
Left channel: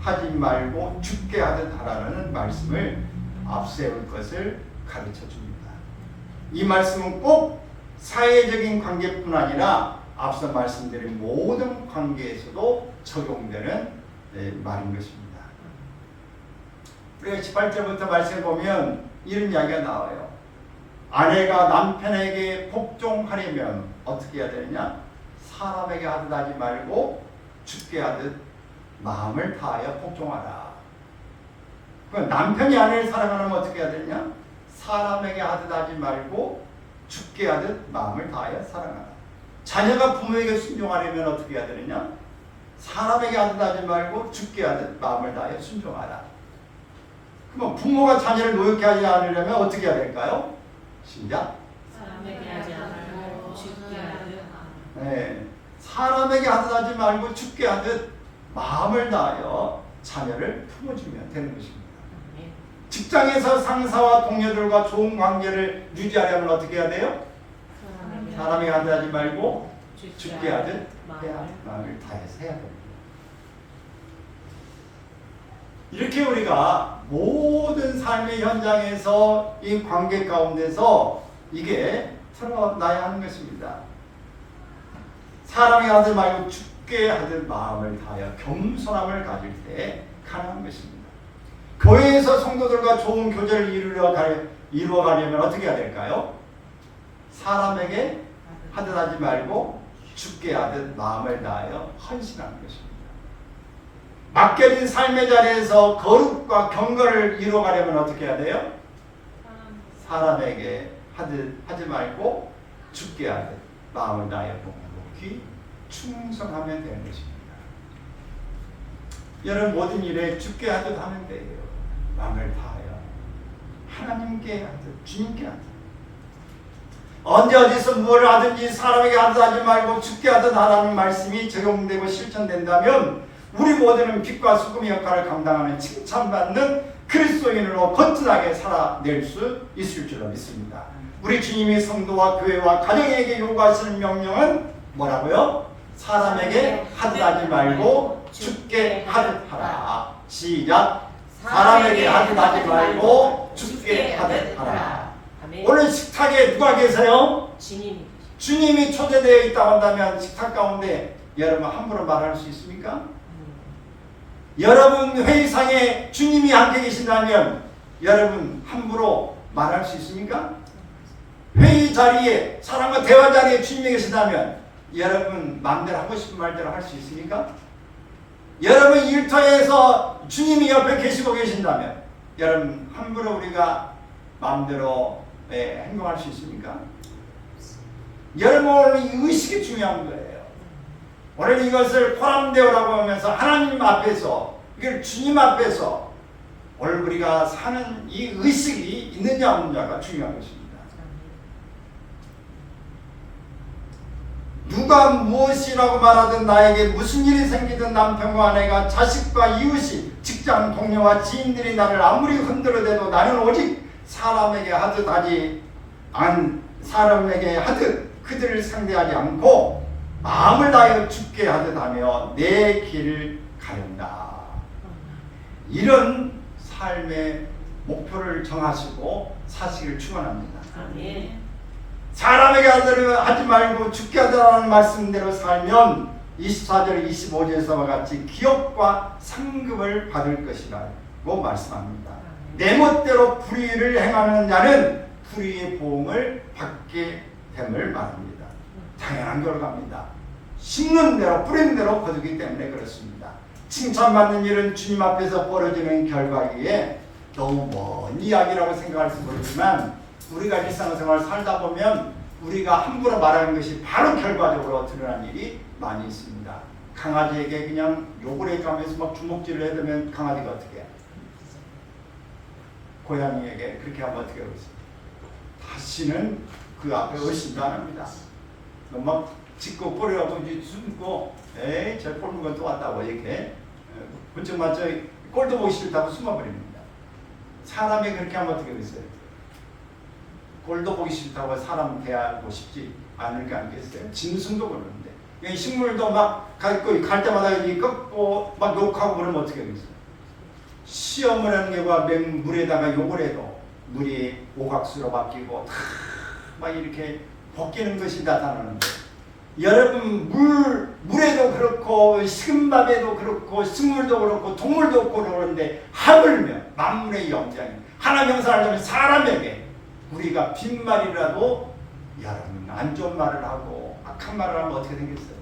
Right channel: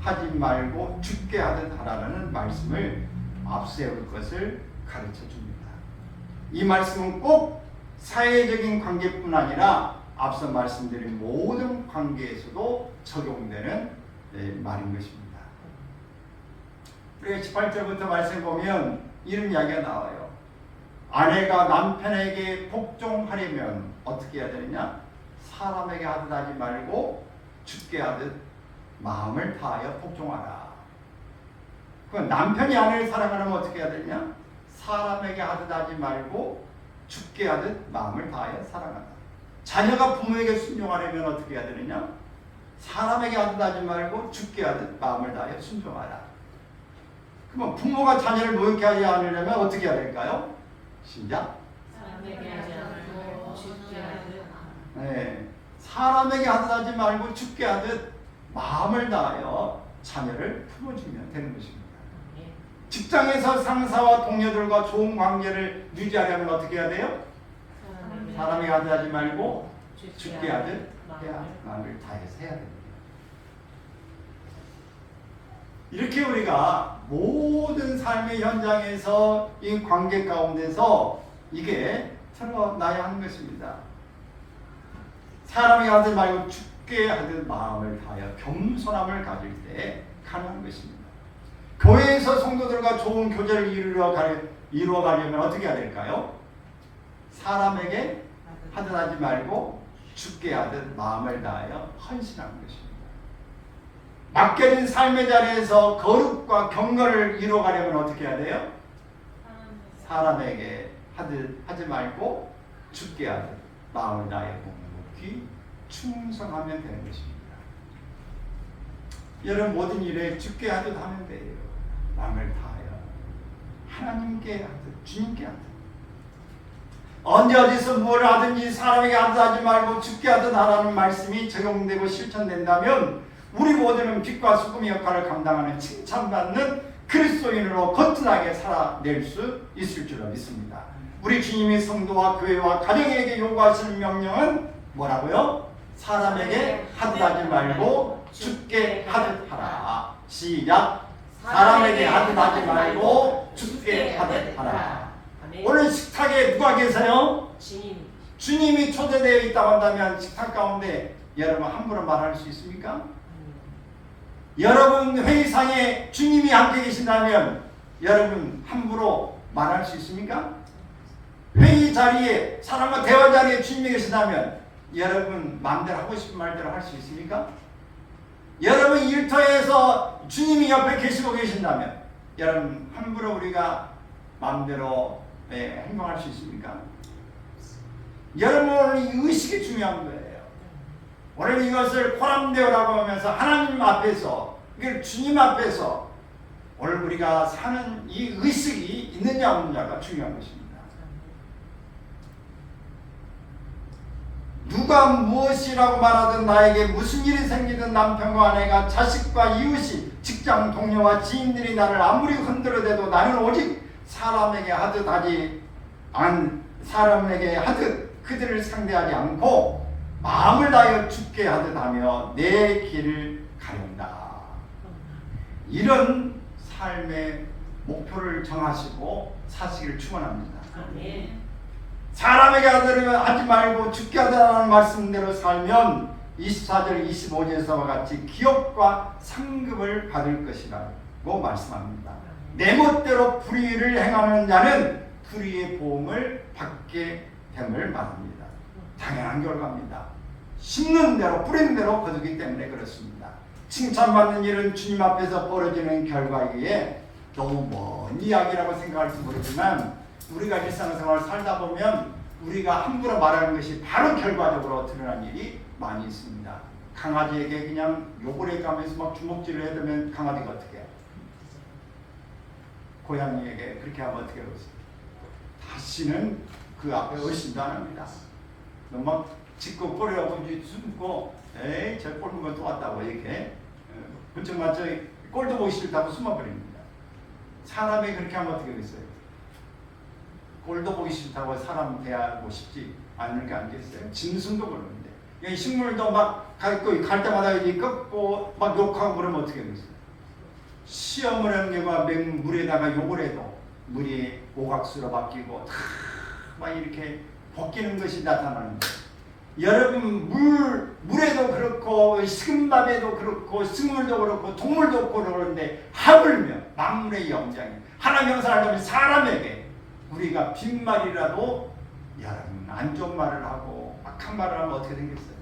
하지 말고 죽게 하듯 하라는 말씀을 앞세울 것을 가르쳐 줍니다. 이 말씀은 꼭 사회적인 관계뿐 아니라 앞서 말씀드린 모든 관계에서도 적용되는 말인 것입니다. 우리가 18절부터 말씀해 보면 이런 이야기가 나와요. 아내가 남편에게 복종하려면 어떻게 해야 되느냐? 사람에게 하듯 하지 말고 죽게 하듯 마음을 다하여 복종하라. 그럼 남편이 아내를 사랑하려면 어떻게 해야 되느냐? 사람에게 하듯 하지 말고 죽게 하듯 마음을 다하여 사랑하라. 자녀가 부모에게 순종하려면 어떻게 해야 되느냐? 사람에게 하듯 하지 말고 죽게 하듯 마음을 다하여 순종하라. 그럼 부모가 자녀를 노역해 하지 않으려면 어떻게 해야 될까요? 시작. 사람에게 하지 않을 네, 사람에게 하듯 하지 말고 주께 하듯 마음을 다하여 자녀를 품어주면 되는 것입니다. 직장에서 상사와 동료들과 좋은 관계를 유지하려면 어떻게 해야 돼요? 사람에게 하듯 하지 말고 주께 하듯 마음을 다해서 해야 됩니다. 이렇게 우리가 모든 삶의 현장에서 이 관계 가운데서 이게 드러나야 하는 것입니다. 사람에게 하지 말고 주께 하듯 마음을 다하여 겸손함을 가질 때 가능한 것입니다. 교회에서 성도들과 좋은 교제를 이루어가려면 어떻게 해야 될까요? 사람에게 하듯 하지 말고 주께 하듯 마음을 다하여 헌신하는 것입니다. 맡겨진 삶의 자리에서 거룩과 경건을 이루어가려면 어떻게 해야 돼요? 사람에게 하듯 하지 말고 주께 하듯 마음을 다하여 복귀 충성하면 되는 것입니다. 여러분 모든 일에 주께 하듯 하면 돼요. 마음을 다하여 하나님께 하듯 주님께 하듯 언제 어디서 무엇을 하든지 사람에게 하듯 하지 말고 주께 하듯 하라는 말씀이 적용되고 실천된다면 우리 모두는 빛과 소금의 역할을 감당하는 칭찬받는 그리스도인으로 거듭나게 살아낼 수 있을 줄로 믿습니다. 우리 주님이 성도와 교회와 가정에게 요구하시는 명령은 뭐라고요? 사람에게 하듯 하지 말고 주께 하듯 하라. 시작. 사람에게 하듯 하지 말고 주께 하듯 하라. 오늘 식탁에 누가 계세요? 주님이 초대되어 있다고 한다면 식탁 가운데 여러분 함부로 말할 수 있습니까? 여러분 회의상에 주님이 함께 계신다면 여러분 함부로 말할 수 있습니까? 회의 자리에 사람과 대화 자리에 주님이 계신다면 여러분 마음대로 하고 싶은 말대로 할 수 있습니까? 여러분 일터에서 주님이 옆에 계시고 계신다면 여러분 함부로 우리가 마음대로 행동할 수 있습니까? 여러분 오늘 이 의식이 중요한 거예요. 오늘 이것을 코람데오라고 하면서 하나님 앞에서 이걸 주님 앞에서 오늘 우리가 사는 이 의식이 있느냐 없느냐가 중요한 것입니다. 누가 무엇이라고 말하든 나에게 무슨 일이 생기든 남편과 아내가 자식과 이웃이 직장 동료와 지인들이 나를 아무리 흔들어대도 나는 오직 사람에게 하듯 그들을 상대하지 않고 마음을 다하여 주께 하듯 하며 내 길을 가린다. 이런 삶의 목표를 정하시고 사시기를 축원합니다. 사람에게 하지 말고 주께 하자라는 말씀대로 살면 24절 25절에서와 같이 기업과 상급을 받을 것이라고 말씀합니다. 내 멋대로 불의를 행하는 자는 불의의 보응을 받게 됨을 말합니다. 당연한 결과입니다. 심는 대로 뿌리는 대로 거두기 때문에 그렇습니다. 칭찬받는 일은 주님 앞에서 벌어지는 결과이기에 너무 먼 이야기라고 생각할 수도 있지만 우리가 일상생활 살다 보면 우리가 함부로 말하는 것이 바로 결과적으로 드러난 일이 많이 있습니다. 강아지에게 그냥 욕을 해가면서 막 주먹질을 해대면 강아지가 어떻게 해요? 고양이에게 그렇게 하면 어떻게 하겠어요? 다시는 그 앞에 의심도 안 합니다. 막 짚고 꼬리하고 이제 숨고 에이 저 꼴는 것도 왔다고 이렇게 그쪽 맞죠? 꼴도 보기 싫다고 숨어버립니다. 사람이 그렇게 하면 어떻게 하겠어요? 꼴도 보기 싫다고 사람 대하고 싶지 않을 게 아니겠어요? 짐승도 그러는데 식물도 막 갈 때마다 꺾고 막 욕하고 그러면 어떻게 하겠어요? 시험을 하는 경우가 물에다가 욕을 해도 물이 오각수로 바뀌고 막 이렇게 벗기는 것이 나타나는데 여러분 물에도 그렇고 식은 밥에도 그렇고 식물도 그렇고 동물도 그렇고 그러는데 하물며 만물의 영장이 하나님 영상을 하면 사람에게 우리가 빈말이라도 여러분 안 좋은 말을 하고 악한 말을 하면 어떻게 되겠어요?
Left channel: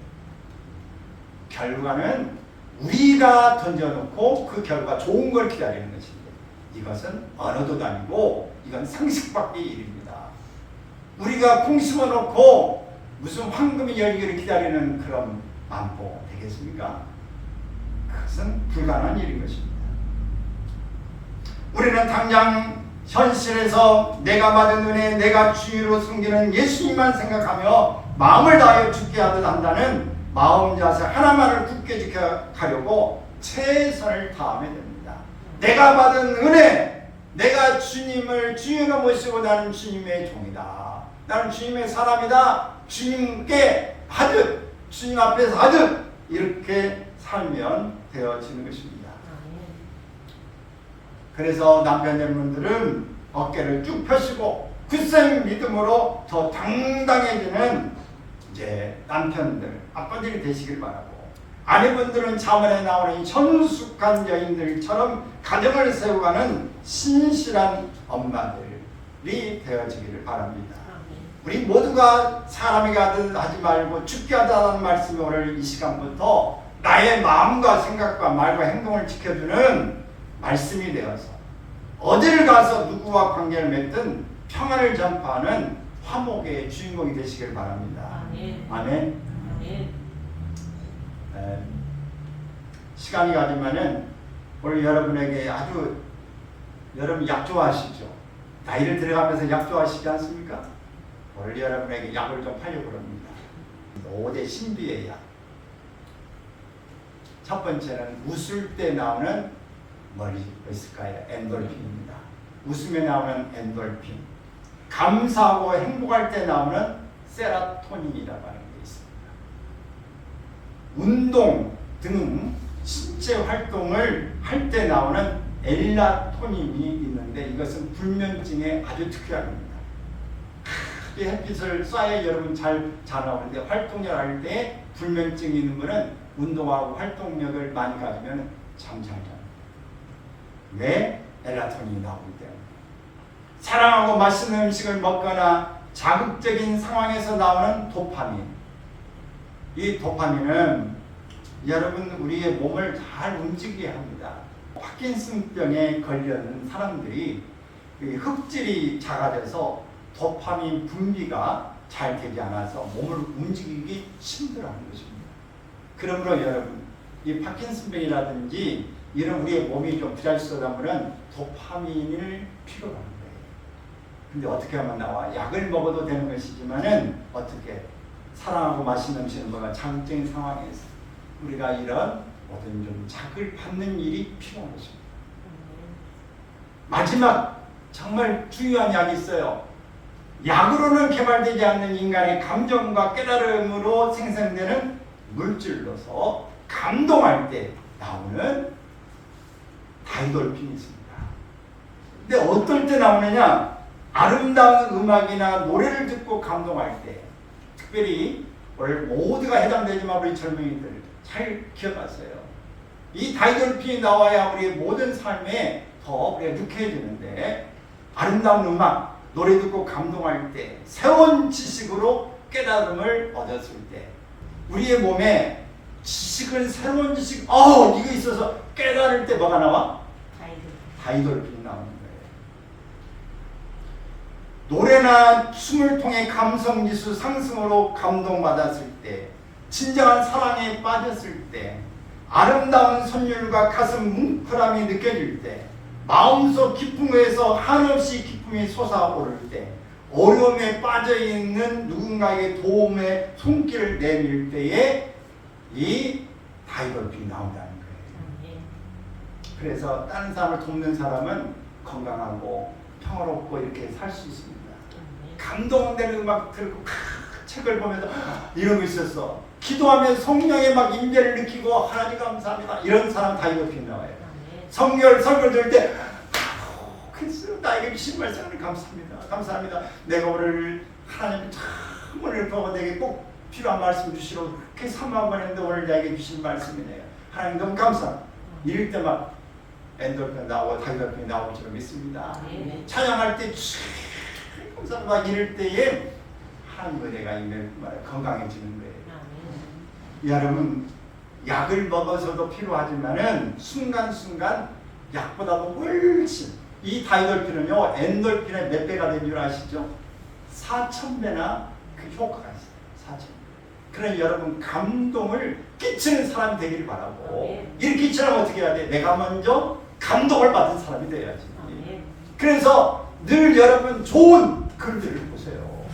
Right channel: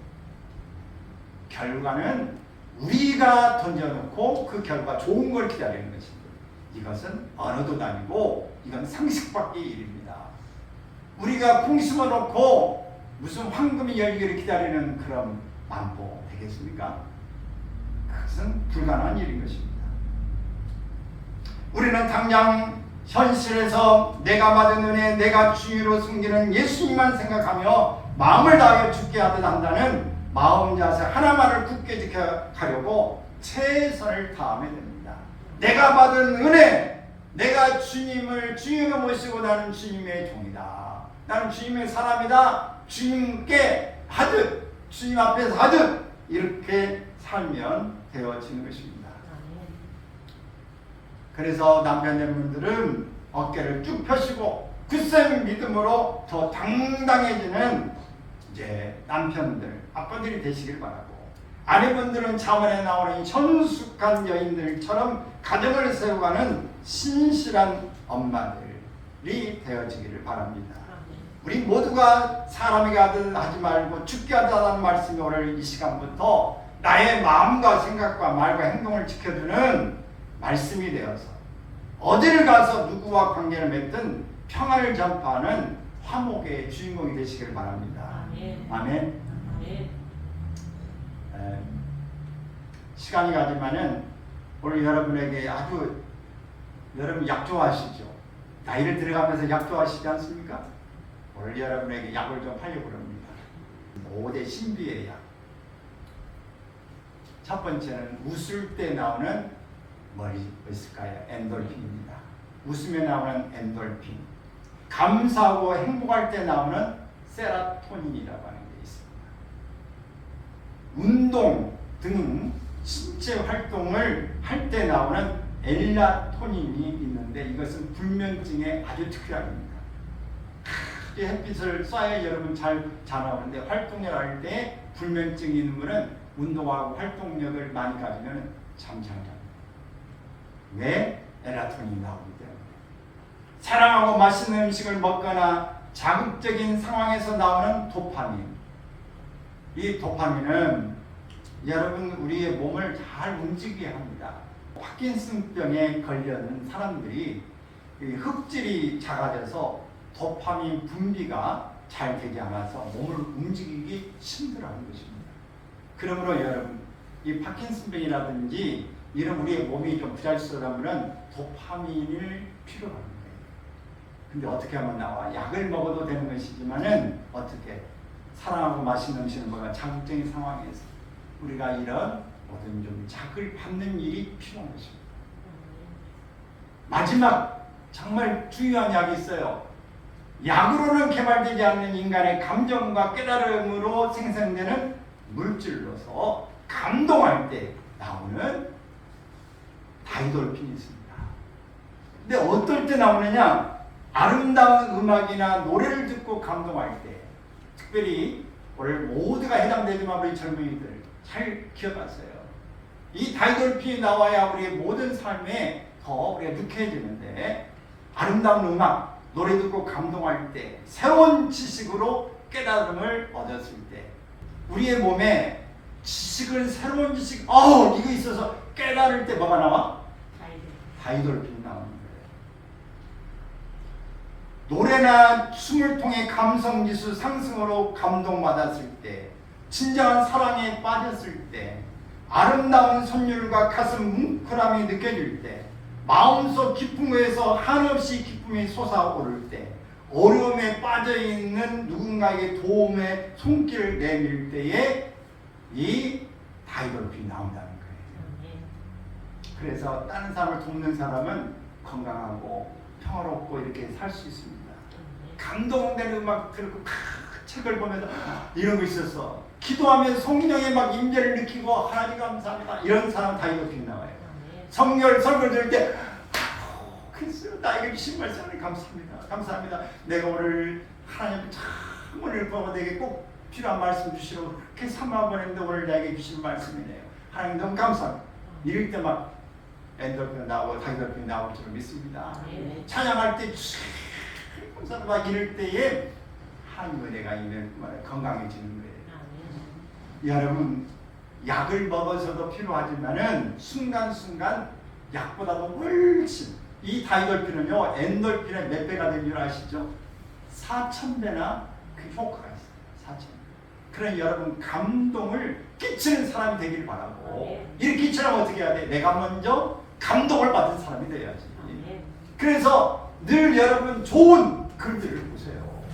결과는 우리가 던져놓고 그 결과 좋은 걸 기다리는 것입니다. 이것은 언어도 아니고 이건 상식 밖의 일입니다. 우리가 콩 심어놓고 무슨 황금이 열기를 기다리는 그런 만보 되겠습니까? 그것은 불가능한 일인 것입니다. 우리는 당장 현실에서 내가 받은 은혜, 내가 주의로 섬기는 예수님만 생각하며 마음을 다하여 죽게 하듯 한다는 마음 자세 하나만을 굳게 지켜가려고 최선을 다하면 됩니다. 내가 받은 은혜, 내가 주님을 주인으로 모시고 나는 주님의 종이다. 나는 주님의 사람이다. 주님께 하듯, 주님 앞에서 하듯 이렇게 살면 되어지는 것입니다. 그래서 남편분들은 어깨를 쭉 펴시고 굳센 믿음으로 더 당당해지는 이제 남편들, 아빠들이 되시길 바라고, 아내분들은 자문에 나오는 현숙한 여인들처럼 가정을 세워가는 신실한 엄마들이 되어지기를 바랍니다. 우리 모두가 사람이 가든 하지 말고 죽게 하자는 말씀이 오늘 이 시간부터 나의 마음과 생각과 말과 행동을 지켜주는 말씀이 되어서 어딜 가서 누구와 관계를 맺든 평안을 전파하는 화목의 주인공이 되시길 바랍니다. 아멘. 아멘. 시간이 가지만은 오늘 여러분에게 아주, 여러분 약 좋아하시죠? 나이를 들어가면서 약 좋아하시지 않습니까? 오늘 여러분에게 약을 좀 하려고 합니다. 5대 신비의 약. 첫 번째는 웃을 때 나오는 뭐가 있을까요? 엔돌핀입니다. 웃으며 나오는 엔돌핀. 감사하고 행복할 때 나오는 세라토닌이라고 하는 게 있습니다. 운동 등 신체 활동을 할 때 나오는 엘라토닌이 있는데 이것은 불면증에 아주 특효약입니다. 이 햇빛을 쏴야 여러분 잘 자라오는데 활동을 할 때 불면증이 있는 분은 운동하고 활동력을 많이 가지면 잠 잘 잡니다. 왜? 엘라토닌이 나오기 때문에. 사랑하고 맛있는 음식을 먹거나 자극적인 상황에서 나오는 도파민. 이 도파민은 여러분 우리의 몸을 잘 움직이게 합니다. 파킨슨병에 걸린 사람들이 흡질이 작아져서 도파민 분비가 잘 되지 않아서 몸을 움직이기 힘들어하는 것입니다. 그러므로 여러분 이 파킨슨병이라든지 이런 우리의 몸이 좀 부자연스러우면 도파민을 필요로 합니다. 근데 어떻게 하면 나와? 약을 먹어도 되는 것이지만은 어떻게 사랑하고 맛있는 음식을 먹어 장증 상황에서 우리가 이런 모든 좀 자극을 받는 일이 필요한 것입니다. 마지막 정말 중요한 약이 있어요. 약으로는 개발되지 않는 인간의 감정과 깨달음으로 생성되는 물질로서 감동할 때 나오는 다이돌핀이 있습니다. 근데 어떨 때 나오느냐? 아름다운 음악이나 노래를 듣고 감동할 때, 특별히 오늘 모두가 해당되지만 우리 젊은이들 잘 기억하세요. 이 다이돌핀이 나와야 우리의 모든 삶에 더 우리가 유쾌해지는데, 아름다운 음악, 노래 듣고 감동할 때, 새로운 지식으로 깨달음을 얻었을 때, 우리의 몸에 지식은 새로운 지식, 이거 있어서 깨달을 때 뭐가 나와? 다이돌핀이 나오는 거예요. 노래나 춤을 통해 감성지수 상승으로 감동받았을 때, 진정한 사랑에 빠졌을 때, 아름다운 선율과 가슴 뭉클함이 느껴질 때, 마음속 기쁨에서 한없이 기쁨이 솟아오를 때, 어려움에 빠져있는 누군가에게 도움의 손길을 내밀 때에 이 다이돌핀이 나온다는 거예요. 그래서 다른 사람을 돕는 사람은 건강하고 평화롭고 이렇게 살 수 있습니다. 감동되는 음악 들고 책을 보면서 이런 거 있었어. 기도하면 성령의 막 임재를 느끼고 하나님 감사합니다. 이런 사람 다이돌핀 나와요. 설교 들을 때 그래서 나에게 주신 말씀을 감사합니다. 감사합니다. 내가 오늘 하나님 참 오늘 보고 내게 꼭 필요한 말씀 주시라고 그렇게 3만 번 했는데 오늘 나에게 주신 말씀이네요. 하나님 너무 감사합니다. 이럴 때 막 엔돌핀 나오고 다이돌핀 나올 줄 믿습니다. 찬양할 때 감사합니다. 이럴 때에 하나님 은혜가 있는 건강해지는 거예요. 여러분 약을 먹어서도 필요하지만은 순간순간 약보다도 훨씬 이 다이돌핀은요 엔돌핀의 몇 배가 된 줄 아시죠? 4,000배나 그 효과가 있어요. 4,000배. 그러니 여러분 감동을 끼치는 사람이 되기를 바라고 이렇게 끼치려면 어떻게 해야 돼? 내가 먼저 감동을 받은 사람이 돼야지. 그래서 늘 여러분 좋은 글들을 보세요.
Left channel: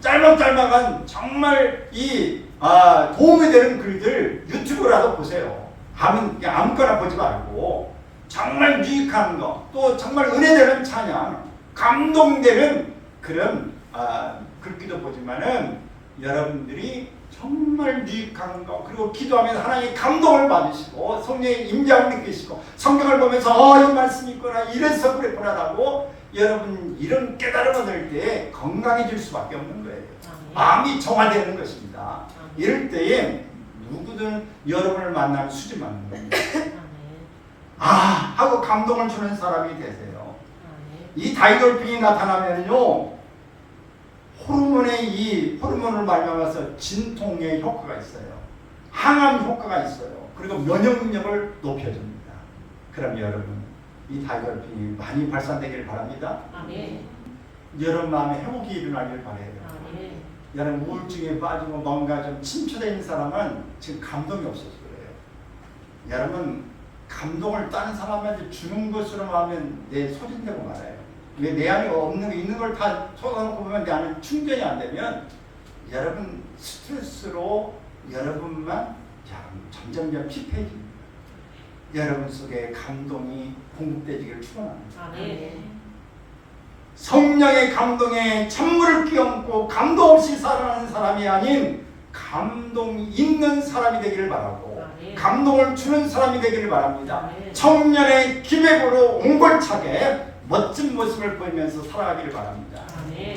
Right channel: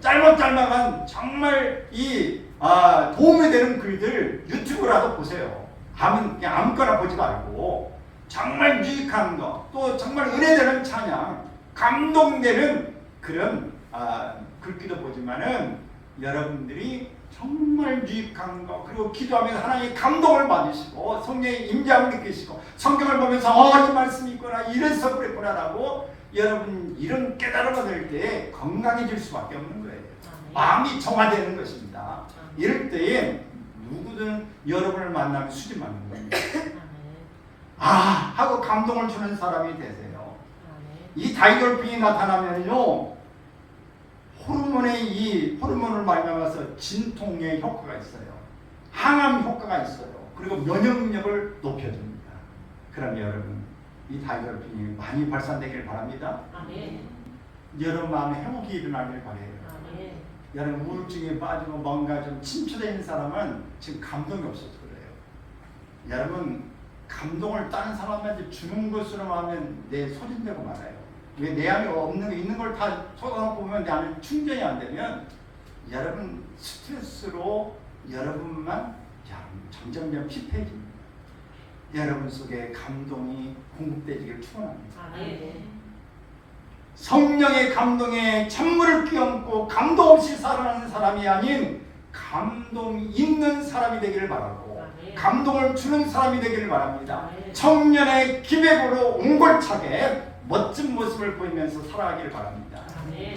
짤막짤막한 정말 도움이 되는 글들 유튜브라도 보세요. 그냥 아무거나 보지 말고 정말 유익한 거, 또 정말 은혜되는 찬양, 감동되는 그런 글귀도 보지만은 여러분들이 정말 유익한 거, 그리고 기도하면서 하나님의 감동을 받으시고 성령의 임재함을 느끼시고 성경을 보면서 이 말씀이 있구나, 이래서 그랬구나라고 여러분 이런 깨달음을 얻을 때 건강해질 수밖에 없는 거예요. 마음이 정화되는 것입니다. 이럴 때에 누구든 여러분을 만나면 수지 맞는 겁니다. 하고 감동을 주는 사람이 되세요. 이 다이돌핀이 나타나면요, 호르몬을 말미암아서 진통의 효과가 있어요. 항암 효과가 있어요. 그리고 면역력을 높여줍니다. 그럼 여러분, 이 다이돌핀이 많이 발산되길 바랍니다. 여러분 마음에 회복이 일어나길 바래요. 여러분 우울증에 빠지고 뭔가 좀 침체되어 있는 사람은 지금 감동이 없어서 그래요. 여러분 감동을 다른 사람한테 주는 것으로 하면 내 소진되고 말아요. 왜 내 안에 있는 걸 다 쏟아놓고 보면 내 안에 충전이 안 되면 여러분 스트레스로 여러분만 점점 피폐해집니다. 여러분 속에 감동이 공급되기를 축원합니다. 성령의 감동에 찬물을 끼얹고 감동 없이 살아가는 사람이 아닌 감동이 있는 사람이 되기를 바라고 감동을 주는 사람이 되기를 바랍니다. 청년의 기백으로 옹골차게 멋진 모습을 보이면서 살아가기를 바랍니다.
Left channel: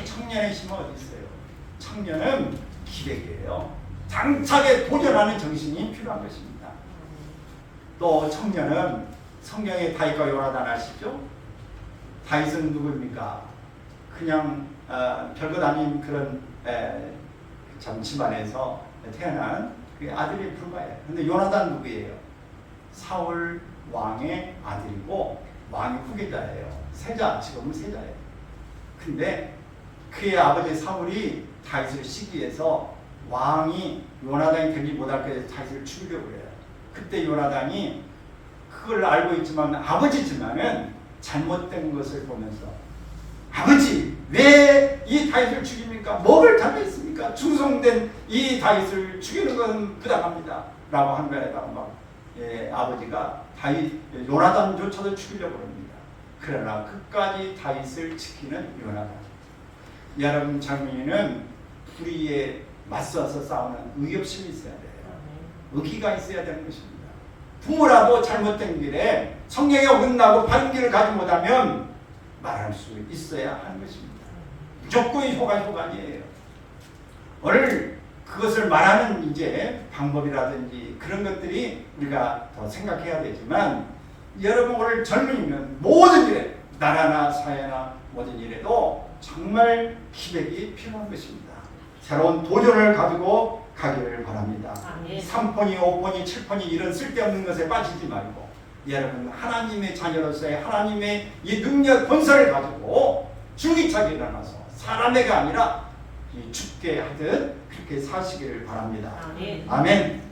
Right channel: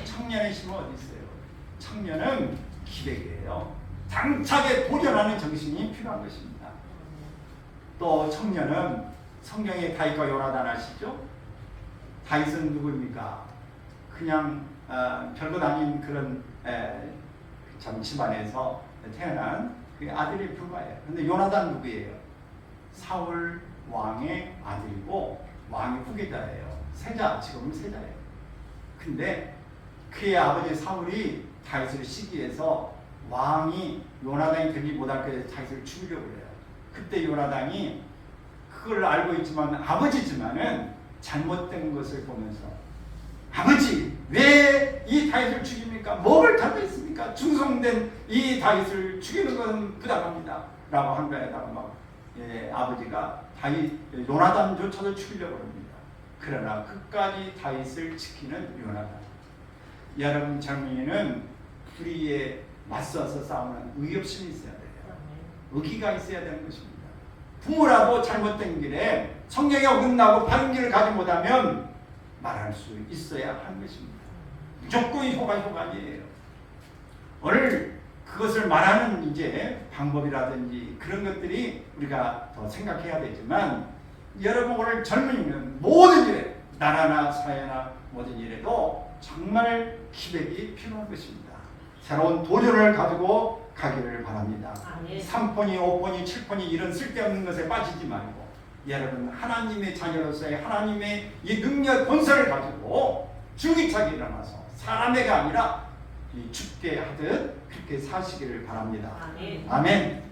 청년의 힘은 어디 있어요? 청년은 기백이에요. 당차게 도전하는 정신이 필요한 것입니다. 또 청년은 성경의 다윗과 요나단 아시죠? 다윗은 누구입니까? 그냥 별것 아닌 그런 집안에서 태어난 아들이 불과해요. 근데 요나단 누구예요? 사울 왕의 아들이고 왕의 후계자예요. 지금은 세자예요. 근데 그의 아버지 사울이 다윗을 시기해서 왕이 요나단이 되지 못할 것에 다윗을 죽여버려요. 그때 요나단이 그걸 알고 있지만 아버지지만은 잘못된 것을 보면서 아버지 왜 이 다윗을 죽입니까? 뭐를 잘못했습니까? 충성된 이 다윗을 죽이는 건 부당합니다 라고 한 거에다가 아버지가 요나단조차도 죽이려고 합니다. 그러나 끝까지 다윗을 지키는 요나단. 여러분 젊은이는 불의에 맞서서 싸우는 의협심이 있어야 돼요. 의기가 있어야 되는 것입니다. 부모라도 잘못된 길에 성경에 어긋나고 바른 길을 가지 못하면 말할 수 있어야 하는 것입니다. 무조건 효가 아니에요. 오늘 그것을 말하는 방법이라든지 그런 것들이 우리가 더 생각해야 되지만 여러분 오늘 젊은이는 모든 일에 나라나 사회나 모든 일에도 정말 기백이 필요한 것입니다. 새로운 도전을 가지고 가기를 바랍니다. 3폰이 5폰이 7폰이 이런 쓸데없는 것에 빠지지 말고 여러분 하나님의 자녀로서의 하나님의 이 능력 권세를 가지고 줄기차게 일어나서 사람에게 아니라 죽게 하듯 그렇게 사시기를 바랍니다. 아멘.